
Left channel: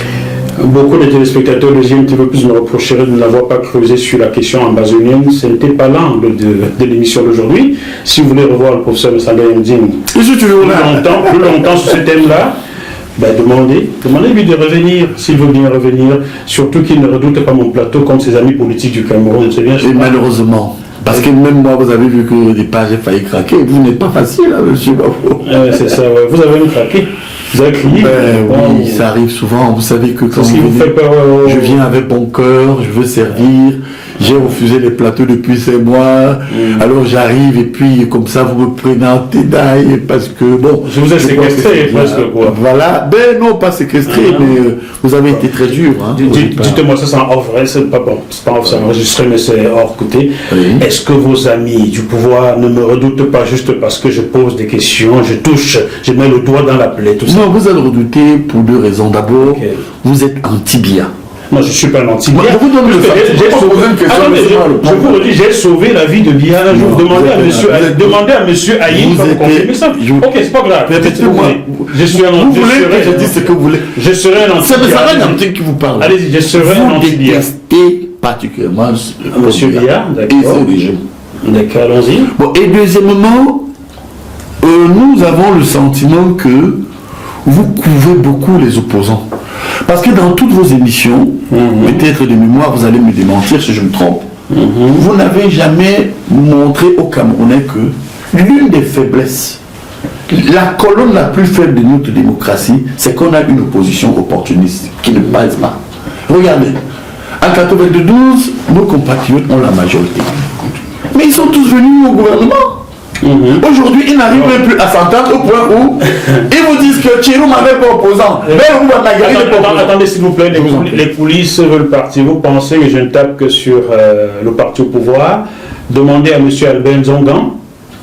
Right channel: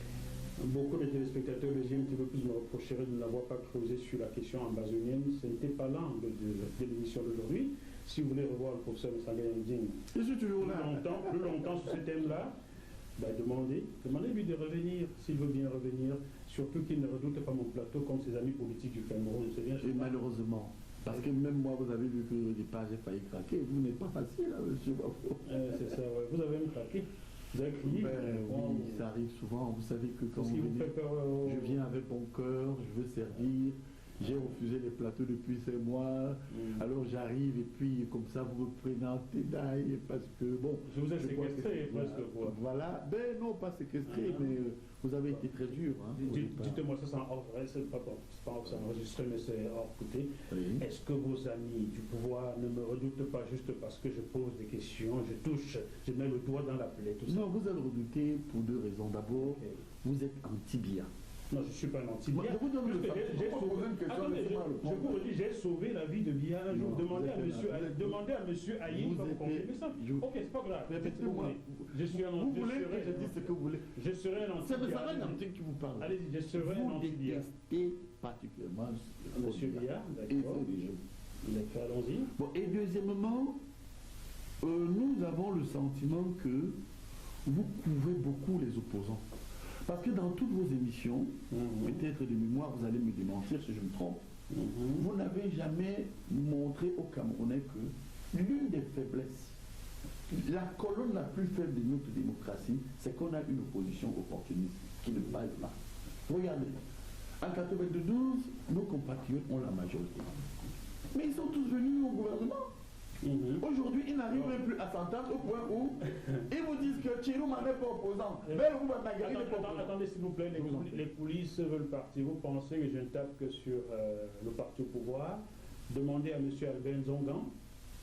Beaucoup de téléspectateurs de GMTV Plus me reprocheraient de n'avoir pas creusé sur la question amazonienne. Ce n'était pas l'angle de l'émission d'aujourd'hui. Si vous voulez revoir le professeur Messanga Yamdine plus longtemps sur ce thème-là, ben demandez-lui de revenir, s'il veut bien revenir. Surtout qu'il ne redoute pas mon plateau comme ses amis politiques du Cameroun. C'est bien, et malheureusement. Parce que même moi, vous avez vu que au départ, j'ai failli craquer. Vous n'êtes pas facile, hein, monsieur Bafo. C'est ça, ouais. Vous avez même craqué. Vous avez crié. Oui, ça arrive souvent. Vous savez que quand je viens avec bon cœur, je veux servir. J'ai refusé les plateaux depuis 5 mois. Alors j'arrive et puis comme ça vous me prenez en tédaille parce que bon. Je vous ai séquestré presque quoi. Voilà. Ben non, pas séquestré, mais vous avez été très dur. Hein, dites-moi ça, c'est en off, c'est pas bon. C'est pas off, c'est enregistré, mais c'est hors côté. Oui. Est-ce que vos amis du pouvoir ne me redoutent pas juste parce que je pose des questions, je touche, je mets le doigt dans la plaie, tout ça? Non, vous allez redouter pour 2 raisons. D'abord, vous êtes anti-Biya. Moi, je ne suis pas un anti-Biya. Je vous donne le fait. Je vous redis, j'ai sauvé la vie de Biya un jour. Demandez à monsieur Aïe comme confirmer ça. Ok, c'est pas grave. Je suis un anti-Biya. Vous voulez que je dise ce que vous voulez? Je serai un anti-Biya. C'est un anti qui vous parle. Allez-y, je serai un anti-Biya. Vous détestez particulièrement monsieur Biya, d'accord. D'accord, allons-y. Bon, et deuxièmement, nous avons le sentiment que vous couvez beaucoup les opposants. Parce que dans toutes vos émissions, peut-être de mémoire, vous allez me démentir si je me trompe, vous n'avez jamais montré aux Camerounais que l'une des faiblesses, la colonne la plus faible de notre démocratie, c'est qu'on a une opposition opportuniste qui ne baise pas. Regardez, en 92, nos compatriotes ont la majorité. Mais ils sont tous venus au gouvernement. Aujourd'hui, ils n'arrivent même plus à s'entendre au point où ils vous disent que Thierry n'avait pas opposant. Attendez, s'il vous plaît, les polices veulent partir. Vous pensez que je ne tape que sur le parti au pouvoir? Demandez à M. Albert Nzongan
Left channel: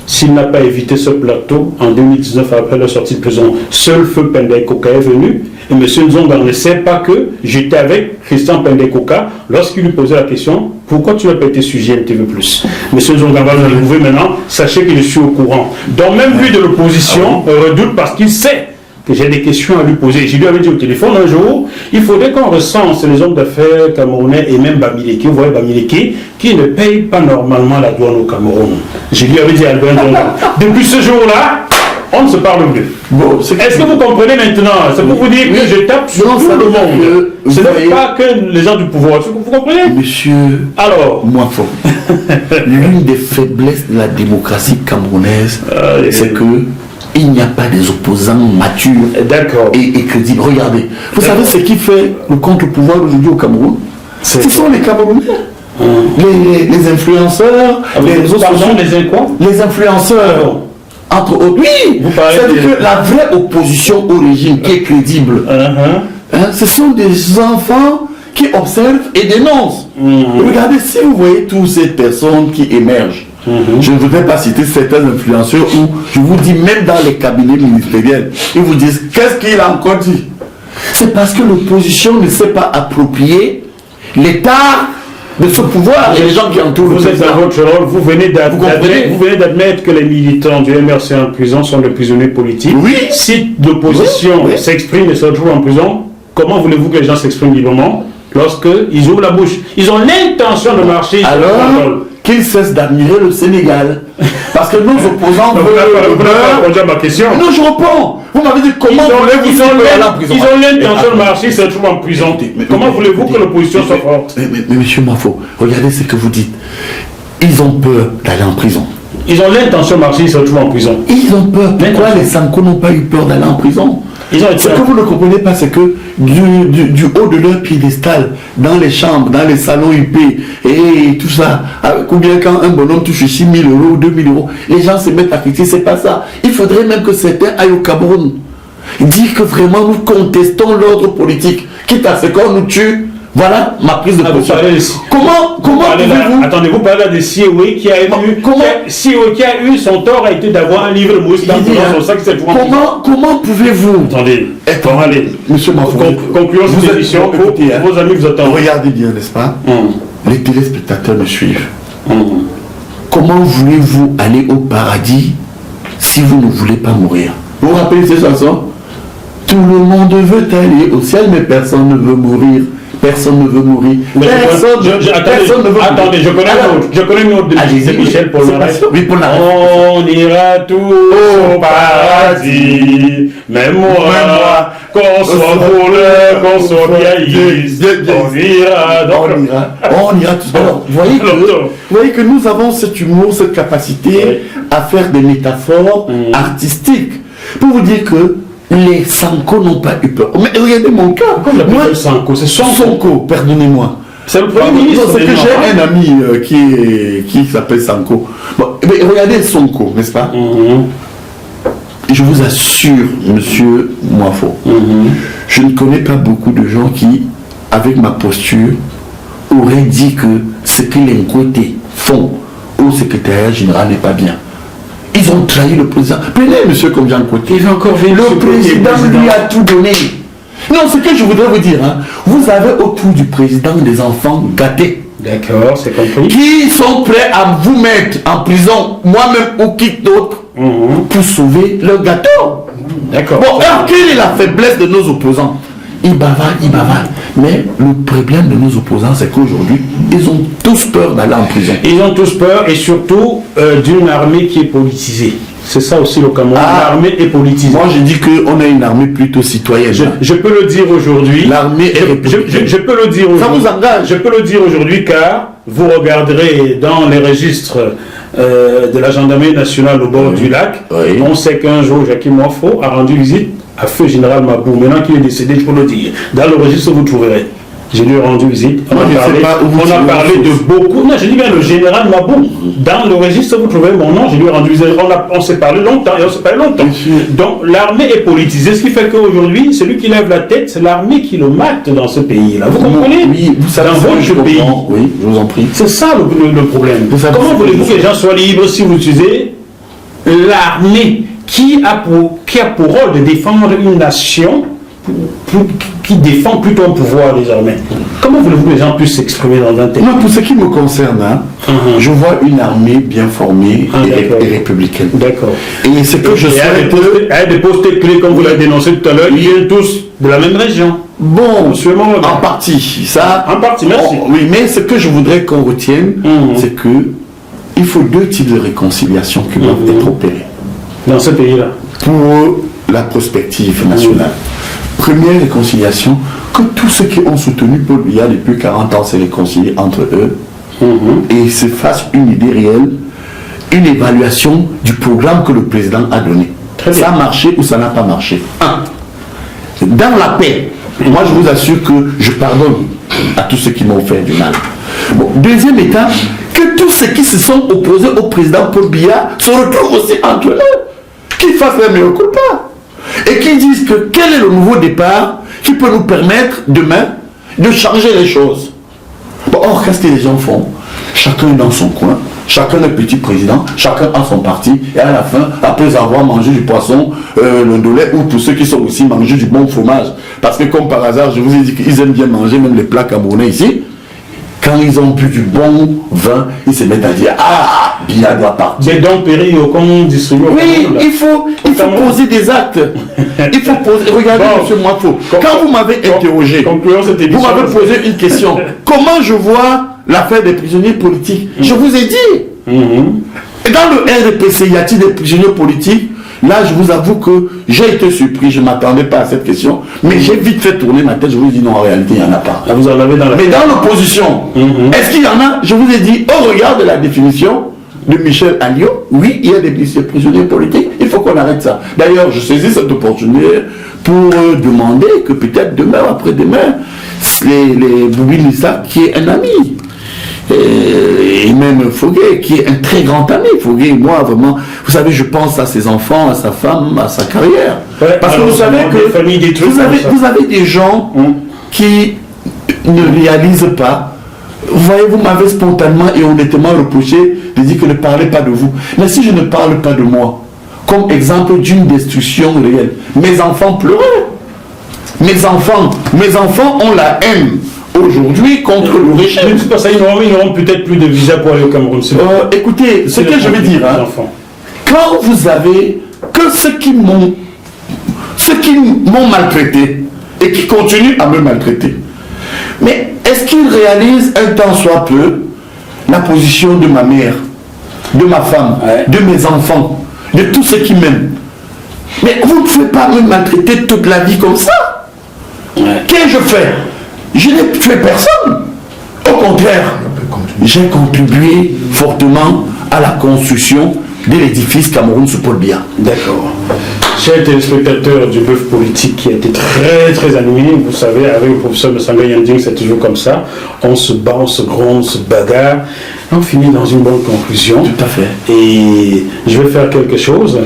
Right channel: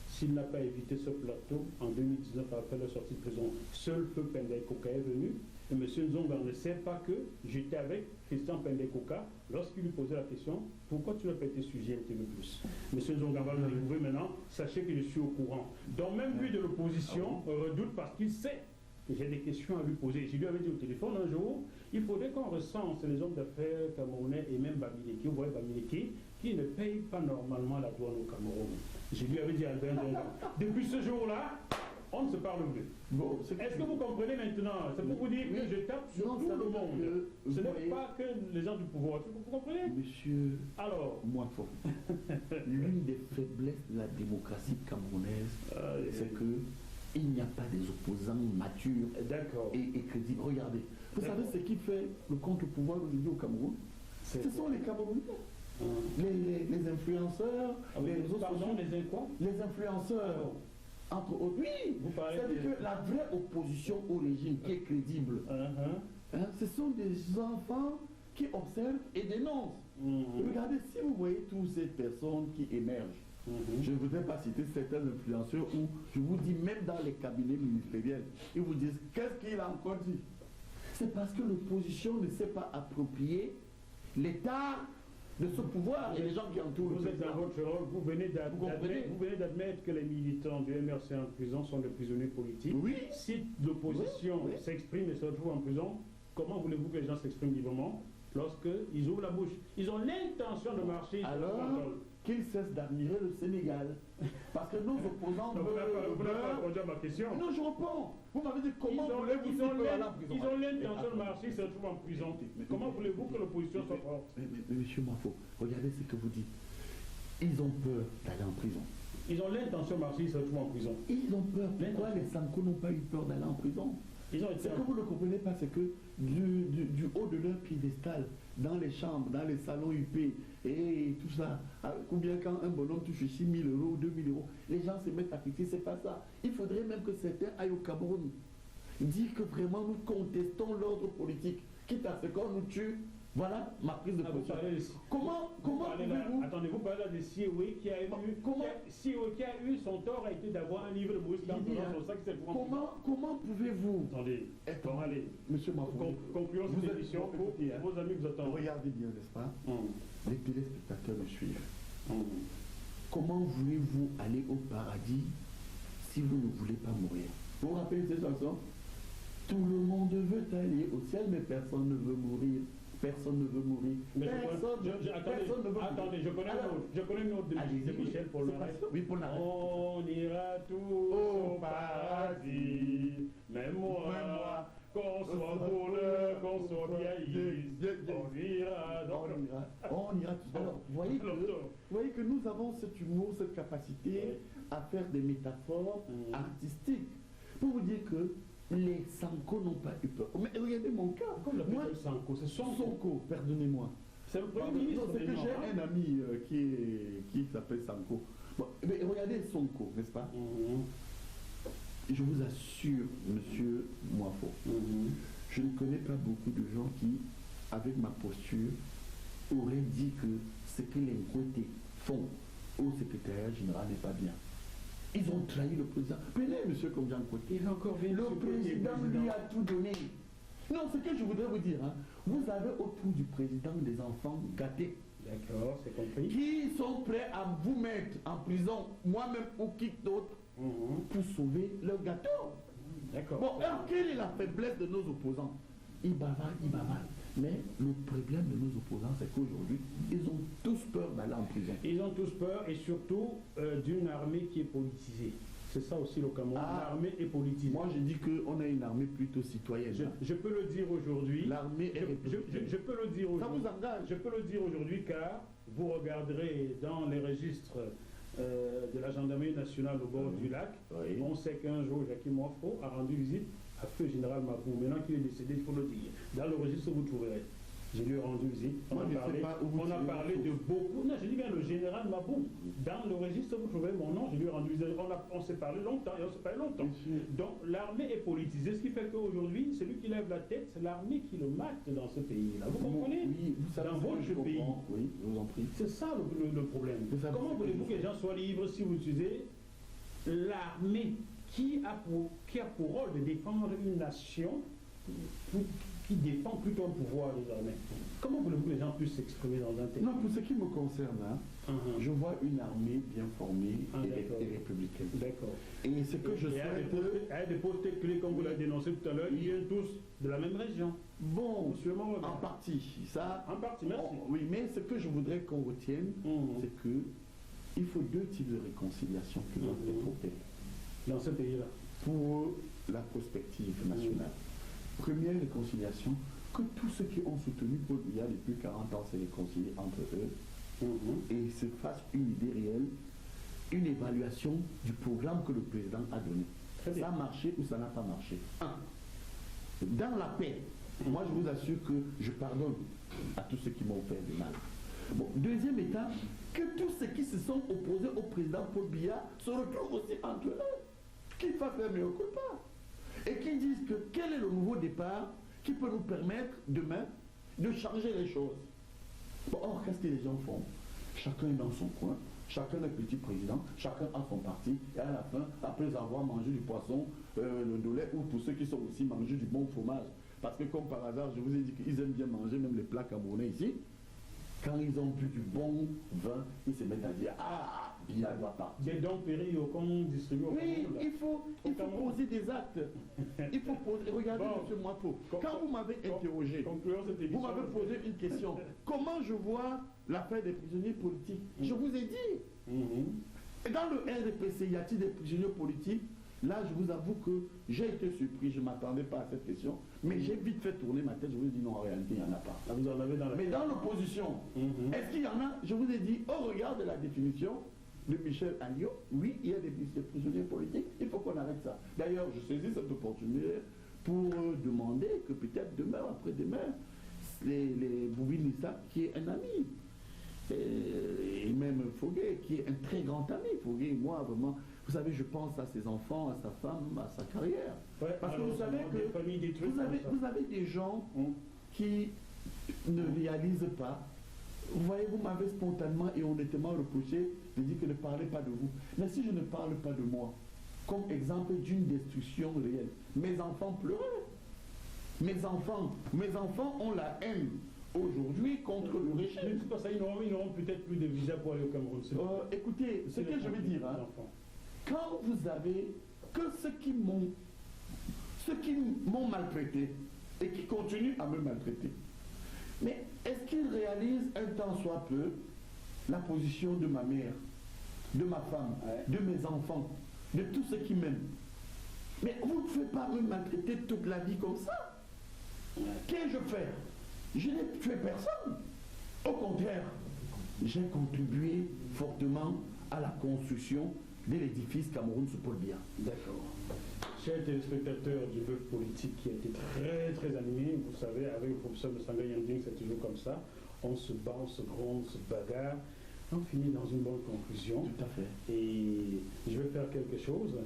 s'il n'a pas évité ce plateau en 2019 après la sortie de prison. Seul feu Pendey Koka est venu et M. Nzongan ne sait pas que j'étais avec Christian Pendey Koka lorsqu'il lui posait la question « Pourquoi tu n'as pas été sujet MTV+. M. Nzongan va le trouver maintenant, sachez que je suis au courant. Donc même lui de l'opposition redoute parce qu'il sait que j'ai des questions à lui poser. Je lui avais dit au téléphone un jour, il faudrait qu'on recense les hommes d'affaires camerounais et même Bamileke, vous voyez Bamileke, qui ne payent pas normalement la douane au Cameroun. Je lui avais dit à Albert Nzongan. Depuis ce jour-là, on ne se parle plus. Bon, est-ce que vous comprenez maintenant? C'est pour vous dire que je tape sur tout le monde. Ce n'est pas que les gens du pouvoir. Vous comprenez? Monsieur, alors, moi fort. L'une des faiblesses de la démocratie camerounaise, c'est que il n'y a pas des opposants matures et crédibles. Regardez, vous savez ce qui fait le contre-pouvoir aujourd'hui au Cameroun? Ce sont les Camerounais. Les influenceurs, les réseaux sociaux. Les influenceurs. Entre autres. Oui, c'est-à-dire que la vraie opposition au régime qui est crédible, ce sont des enfants qui observe et dénonce. Regardez, si vous voyez toutes ces personnes qui émergent, je ne voudrais pas citer certains influenceurs où, je vous dis, même dans les cabinets ministériels, ils vous disent, qu'est-ce qu'il a encore dit? C'est parce que l'opposition ne s'est pas approprié l'état de ce pouvoir et les gens qui entourent. Vous êtes dans votre rôle, vous venez d'admettre que les militants du MRC en prison sont des prisonniers politiques. Oui. Si l'opposition s'exprime et se retrouve en prison, comment voulez-vous que les gens s'expriment librement lorsqu'ils ouvrent la bouche? Ils ont l'intention de marcher. Alors qu'ils cessent d'admirer le Sénégal. Parce que nos opposants vous n'avez pas répondu à ma question. Non, je réponds. Vous m'avez dit comment voulez-vous aller en prison? Ils ont l'intention de marcher, ils se retrouvent en prison. Comment voulez-vous que l'opposition soit forte? Mais monsieur Mafo, regardez ce que vous dites. Ils ont peur d'aller en prison. Ils ont l'intention de marcher, ils se retrouvent en prison. Ils ont peur. Pourquoi les Sanko n'ont pas eu peur d'aller en prison? Ce que vous ne comprenez pas, c'est que du haut de leur piédestal, dans les chambres, dans les salons UP, et tout ça, ou bien quand un bonhomme touche 6 000 euros, 2 000 euros, les gens se mettent à critiquer, c'est pas ça. Il faudrait même que certains aillent au Cameroun, dire que vraiment nous contestons l'ordre politique, quitte à ce qu'on nous tue. Voilà ma prise de position. Comment pouvez-vous... Attendez, vous parlez de Sioué qui a eu son tort a été d'avoir un livre de Moïse dans son sac. Comment pouvez-vous... Attendez, allez, monsieur Mafou, concluons cette émission. Vos amis vous attendent. Regardez bien, n'est-ce pas? Les téléspectateurs me suivent. Comment voulez-vous aller au paradis si vous ne voulez pas mourir? Vous vous rappelez ces chansons? Tout le monde veut aller au ciel, mais personne ne veut mourir. Personne ne veut mourir. Personne ne veut mourir. Attendez, je connais une autre de Michel Polnareff. Oui, Polnareff. On ira tous au paradis, même moi, qu'on soit voleur, qu'on soit vieilliste, on ira tous. Alors, vous voyez que nous avons cet humour, cette capacité à faire des métaphores artistiques. Pour vous dire que les Sanko n'ont pas eu peur. Mais regardez mon cas. Moi, Sanko, c'est Sonko, pardonnez-moi. C'est le premier ministre. C'est que j'ai un ami qui s'appelle Sanko. Bon, mais regardez Sonko, n'est-ce pas? Je vous assure, monsieur Moifo, je ne connais pas beaucoup de gens qui, avec ma posture, auraient dit que ce que les côtés font au secrétariat général n'est pas bien. Ils ont trahi le président. Prenez monsieur comme Jean Côté. Il va encore venir. Le président lui a tout donné. Non, ce que je voudrais vous dire, vous avez autour du président des enfants gâtés. D'accord, c'est compris. Qui sont prêts à vous mettre en prison, moi-même ou qui d'autre, pour sauver leur gâteau. D'accord. Bon, alors quelle est la faiblesse de nos opposants? Ils bavardent. Mais le problème de nos opposants, c'est qu'aujourd'hui, ils ont tous peur d'aller en prison. Ils ont tous peur et surtout d'une armée qui est politisée. C'est ça aussi le Cameroun. L'armée est politisée. Moi, je dis qu'on a une armée plutôt citoyenne. Je peux le dire aujourd'hui. L'armée est républicaine. Je peux le dire aujourd'hui. Ça vous engage? Je peux le dire aujourd'hui car vous regarderez dans les registres de la gendarmerie nationale au bord du lac. On sait qu'un jour, Jacques Moifo a rendu visite à feu général Mabou. Maintenant qu'il est décédé, je peux le dire. Dans le registre, vous trouverez. Je lui ai rendu visite. On a parlé de beaucoup. Non, je dis bien le général Mabou. Dans le registre, vous trouverez mon nom. Je lui ai rendu visite. On s'est parlé longtemps et on s'est parlé longtemps. Donc l'armée est politisée. Ce qui fait qu'aujourd'hui, celui qui lève la tête, c'est l'armée qui le mate dans ce pays-là. Vous comprenez? Oui, vous savez, dans votre pays. Oui, je vous en prie. C'est ça le problème. Comment voulez-vous que les gens soient libres si vous utilisez l'armée qui a pour rôle de défendre une nation qui défend plutôt un pouvoir désormais? Comment voulez-vous que les gens puissent s'exprimer dans un tel? Non, pour ce qui me concerne, je vois une armée bien formée et républicaine. D'accord. Et ce que je souhaite... des postes clés, comme vous l'avez dénoncé tout à l'heure, ils viennent tous de la même région. Bon, en partie. Ça, en partie, merci. Oui, mais ce que je voudrais qu'on retienne, c'est que il faut deux types de réconciliation qui doivent être opérés. Dans ce pays-là. Pour la prospective nationale. Première réconciliation, que tous ceux qui ont soutenu Paul Biya depuis 40 ans se réconcilient entre eux et se fassent une idée réelle, une évaluation du programme que le président a donné. Ça a marché ou ça n'a pas marché? Dans la paix, moi je vous assure que je pardonne à tous ceux qui m'ont fait du mal. Bon, deuxième étape, que tous ceux qui se sont opposés au président Paul Biya se retrouvent aussi entre eux, qu'ils fassent la meilleure culpa. Et qui disent que quel est le nouveau départ qui peut nous permettre demain de changer les choses. Bon, or, qu'est-ce que les gens font? Chacun est dans son coin, chacun est petit président, chacun a son parti, et à la fin, après avoir mangé du poisson, le ndolé, ou pour ceux qui sont aussi mangés du bon fromage, parce que comme par hasard, je vous ai dit qu'ils aiment bien manger même les plats camerounais ici, quand ils ont bu du bon vin, ils se mettent à dire « Ah, Biya doit partir ». Des dons péris au con distribué. Oui, il faut poser des actes. Il faut poser. Regardez, monsieur Mwafo, quand vous m'avez interrogé, vous m'avez posé une question. Comment je vois l'affaire des prisonniers politiques? Je vous ai dit. Et dans le RDPC, y a-t-il des prisonniers politiques? Là, je vous avoue que j'ai été surpris, je ne m'attendais pas à cette question, mais j'ai vite fait tourner ma tête, je vous ai dit non, en réalité, il n'y en a pas. Vous en avez dans la... Mais dans l'opposition, est-ce qu'il y en a? Je vous ai dit, au regard de la définition de Michel Alliot, oui, il y a des prisonniers politiques, il faut qu'on arrête ça. D'ailleurs, je saisis cette opportunité pour demander que peut-être demain ou après-demain, les Boubi Nissa, qui est un ami, et même Foguet, qui est un très grand ami. Foguet, moi, vraiment, vous savez, je pense à ses enfants, à sa femme, à sa carrière. Ouais, parce que vous savez que vous avez des gens qui ne réalisent pas. Vous voyez, vous m'avez spontanément et honnêtement reproché de dire que ne parlez pas de vous. Mais si je ne parle pas de moi, comme exemple d'une destruction réelle, mes enfants pleuraient. Mes enfants ont la haine aujourd'hui contre le régime. Mais c'est pas ça, ils n'auront peut-être plus de visa pour aller au Cameroun. Écoutez, ce que je veux dire, hein, quand vous avez que ceux qui m'ont maltraité et qui continuent à me maltraiter, mais est-ce qu'ils réalisent un tant soit peu la position de ma mère, de ma femme, de mes enfants, de tous ceux qui m'aiment? Mais vous ne pouvez pas me maltraiter toute la vie comme ça. Qu'est-ce que je fais? Je n'ai tué personne. Au contraire, j'ai contribué fortement à la construction de l'édifice Cameroun sous Paul Biya. D'accord. Chers téléspectateurs du bœuf politique qui a été très très animé, vous savez, avec le professeur Messanga Yanding, c'est toujours comme ça. On se bat, on se gronde, on se bagarre. On finit dans une bonne conclusion. Tout à fait. Et je vais faire quelque chose.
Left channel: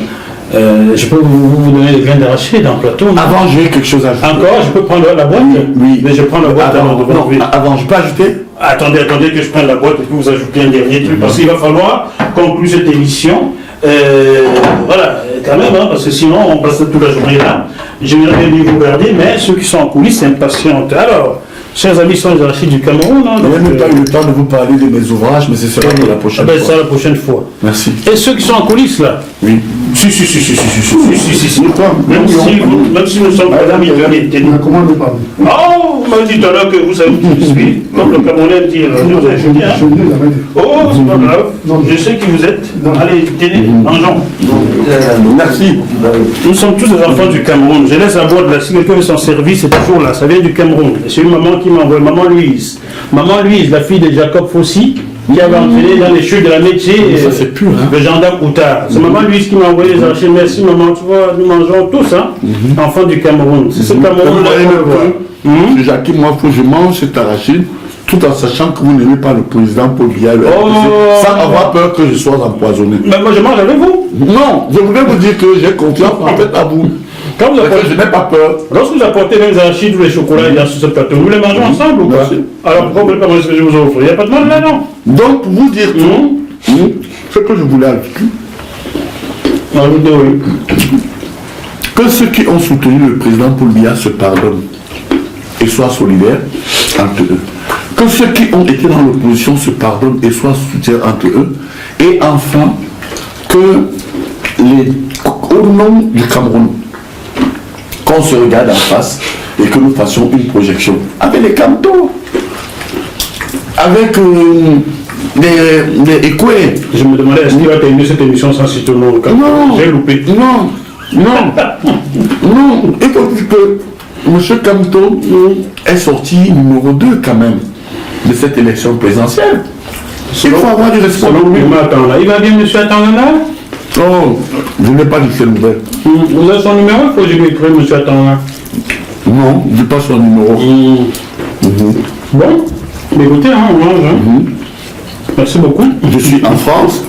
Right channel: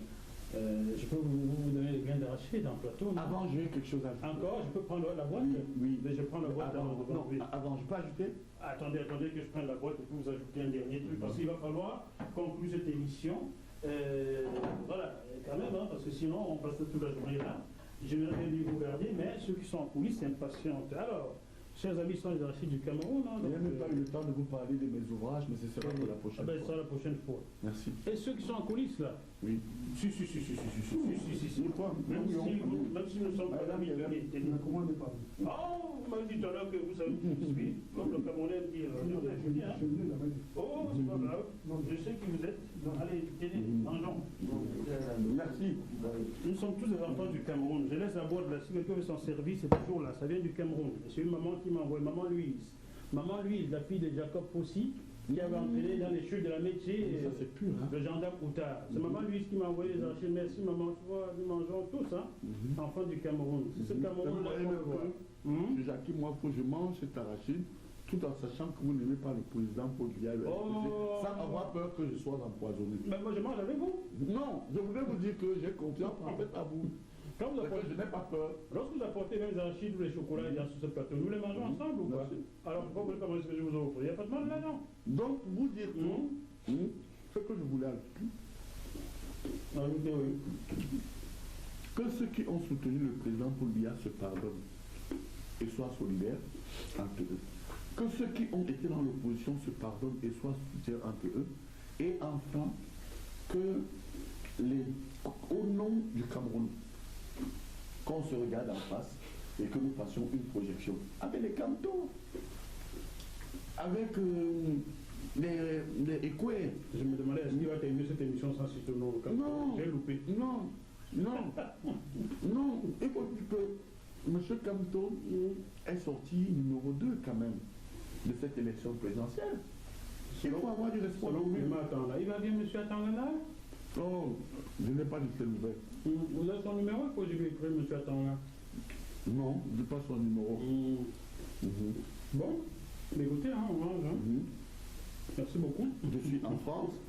Je peux vous donner les graines d'arachide dans le plateau. Avant, j'ai quelque chose à ajouter. Encore, je peux prendre la boîte? Oui. Mais je prends la boîte avant de vous. Avant, je peux ajouter? Attendez que je prenne la boîte et que vous ajoutez un dernier truc, parce qu'il va falloir conclure cette émission. Voilà, quand même, hein, parce que sinon on passe toute la journée là. J'aimerais bien vous garder, mais ceux qui sont en coulisses s'impatientent. Alors, chers amis, sont les arachides du Cameroun. Hein, je n'ai même pas eu le temps de vous parler de mes ouvrages, mais ce sera pour la prochaine fois. Ça la prochaine fois. Merci. Et ceux qui sont en coulisses là? Oui. Si. Même si nous sommes pas amis, comment ne pas? Oh, vous m'avez dit tout à l'heure que vous savez qui je suis. Comme le Camerounais dit, oh, c'est pas grave. Je sais qui vous êtes. Allez, tenez, mangeons. Merci. Nous sommes tous des enfants du Cameroun. Je laisse la boîte là. Si quelqu'un veut s'en servir, c'est toujours là. Ça vient du Cameroun. C'est une maman qui m'envoie, maman Louise. Maman Louise, la fille de Jacob Fossi, qui avait entraîné dans les chutes de la métier le gendarme Outard. C'est maman Louise qui m'a envoyé les archives. Merci maman, tu vois, nous mangeons tous, hein, enfants du Cameroun. C'est ce Cameroun-là qu'on voit. Jacques, moi, faut que je mange cet arachide, tout en sachant que vous n'aimez pas le président Paul Biya, sans avoir peur que je sois empoisonné. Mais moi je mange avec vous. Non, je voulais vous dire que j'ai confiance en fait à vous. Quand vous apportez, je n'ai pas peur. Lorsque vous apportez les arachides ou les chocolats sur ce plateau, nous les mangeons ensemble ou pas? Alors pourquoi vous ne pouvez pas manger ce que je vous offre? Il n'y a pas de mal là, non? Donc, pour vous dire tout, ce que je voulais ajouter, que ceux qui ont soutenu le président Paul Biya se pardonnent et soient solidaires entre eux. Que ceux qui ont été dans l'opposition se pardonnent et soient soutiens entre eux. Et enfin, que au nom du Cameroun, qu'on se regarde en face et que nous fassions une projection avec les Camtos, avec les Écoués. Je me demandais, est-ce qu'il va terminer cette émission sans citer le nom du Cameroun? Non, j'ai loupé. Non, il faut dire que M. Camto est sorti numéro 2 quand même de cette élection présidentielle. Il faut avoir du respect. Il va bien, M. Atangana? Oh, je n'ai pas dit ces nouvelles. Vous avez son numéro? Il faut que je lui écrive, M. Atangana. Non, je n'ai pas son numéro. Bon, écoutez, hein, on mange. Merci beaucoup. Je suis en France.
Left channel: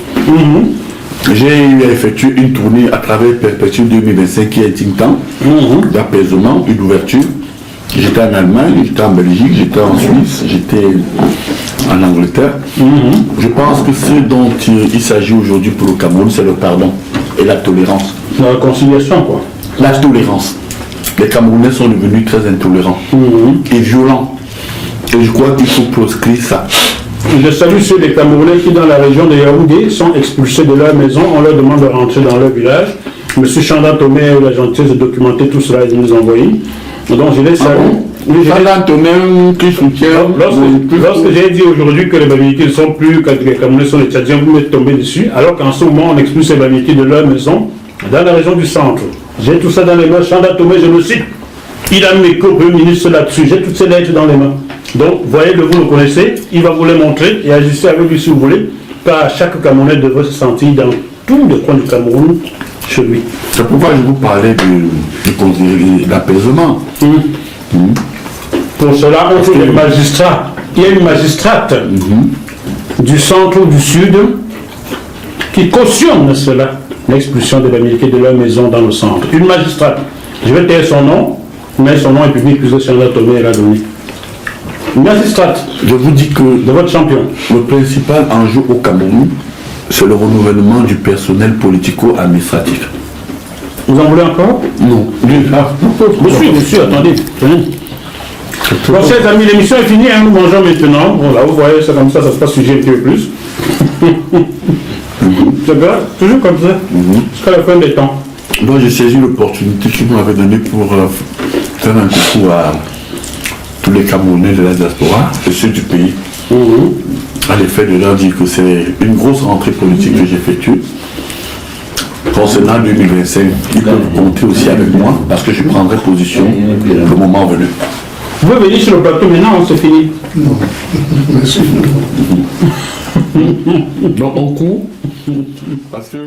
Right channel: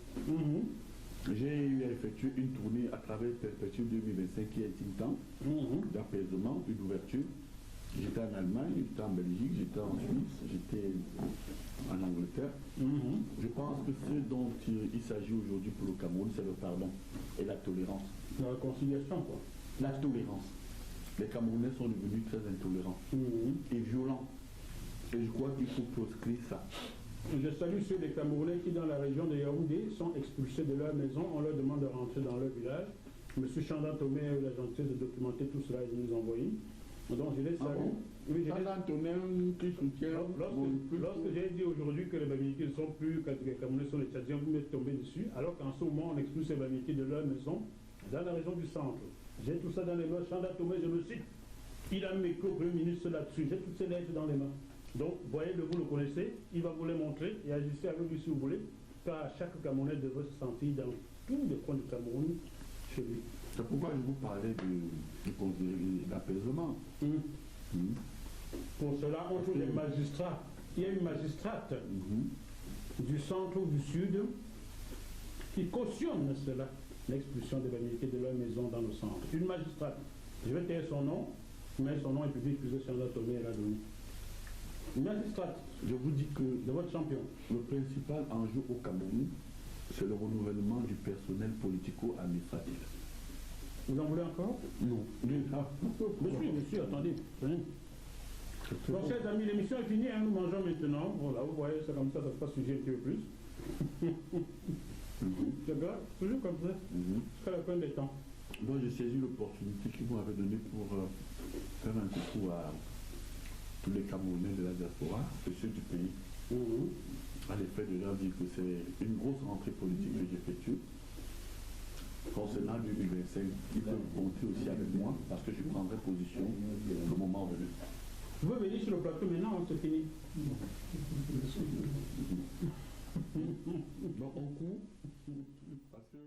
J'ai effectué une tournée à travers Perpétuel 2025 qui est un think tank d'apaisement et d'ouverture. J'étais en Allemagne, j'étais en Belgique, j'étais en Suisse, j'étais en Angleterre. Je pense que ce dont il s'agit aujourd'hui pour le Cameroun, c'est le pardon et la tolérance. La réconciliation, quoi. La tolérance. Les Camerounais sont devenus très intolérants et violents. Et je crois qu'il faut proscrire ça. Je salue ceux des Camerounais qui, dans la région de Yaoundé, sont expulsés de leur maison. On leur demande de rentrer dans leur village. Monsieur Chanda Tomé a eu la gentillesse de documenter tout cela et de nous envoyer. Donc je les salue. Chanda Tomé qui soutient. Lorsque j'ai dit aujourd'hui que les Bamileke ne sont plus, que les Camerounais sont les Tchadiens, vous m'êtes tombé dessus, alors qu'en ce moment on expulse les Bamileke de leur maison dans la région du centre. J'ai tout ça dans les mains. Chanda Tomé, je le cite. Il a mis au Premier ministre là-dessus. J'ai toutes ces lettres dans les mains. Donc, voyez que vous le connaissez, il va vous les montrer et ajuster avec lui si vous voulez, car chaque Camerounais devrait se sentir dans tous les coins du Cameroun chez lui. C'est pourquoi je vous parlais de l'apaisement. Pour cela, on fait des magistrats. Il y a une magistrate du centre ou du sud qui cautionne cela, l'expulsion des Bamileke de leur maison dans le centre. Une magistrate. Je vais taire son nom, mais son nom est public puisque Chanda Tomé l'a donné. Magistrate, je vous dis que de votre champion. Le principal enjeu au Cameroun, c'est le renouvellement du personnel politico-administratif. Vous en voulez encore? Non. Monsieur, attendez. Bon, chers amis, l'émission est finie, hein, nous mangeons maintenant. Bon, là, vous voyez, c'est comme ça se passe sujet un peu plus. C'est bien, toujours comme ça, jusqu'à la fin des temps. Donc j'ai saisi l'opportunité que vous m'avez donnée pour faire un coucou à tous les Camerounais de la diaspora et ceux du pays, à l'effet de leur dire que c'est une grosse rentrée politique que j'effectue. Concernant 2025, ils peuvent compter aussi avec moi parce que je prendrai position le moment venu. Vous pouvez venir sur le plateau maintenant, c'est fini. Non, merci. Donc on court parce que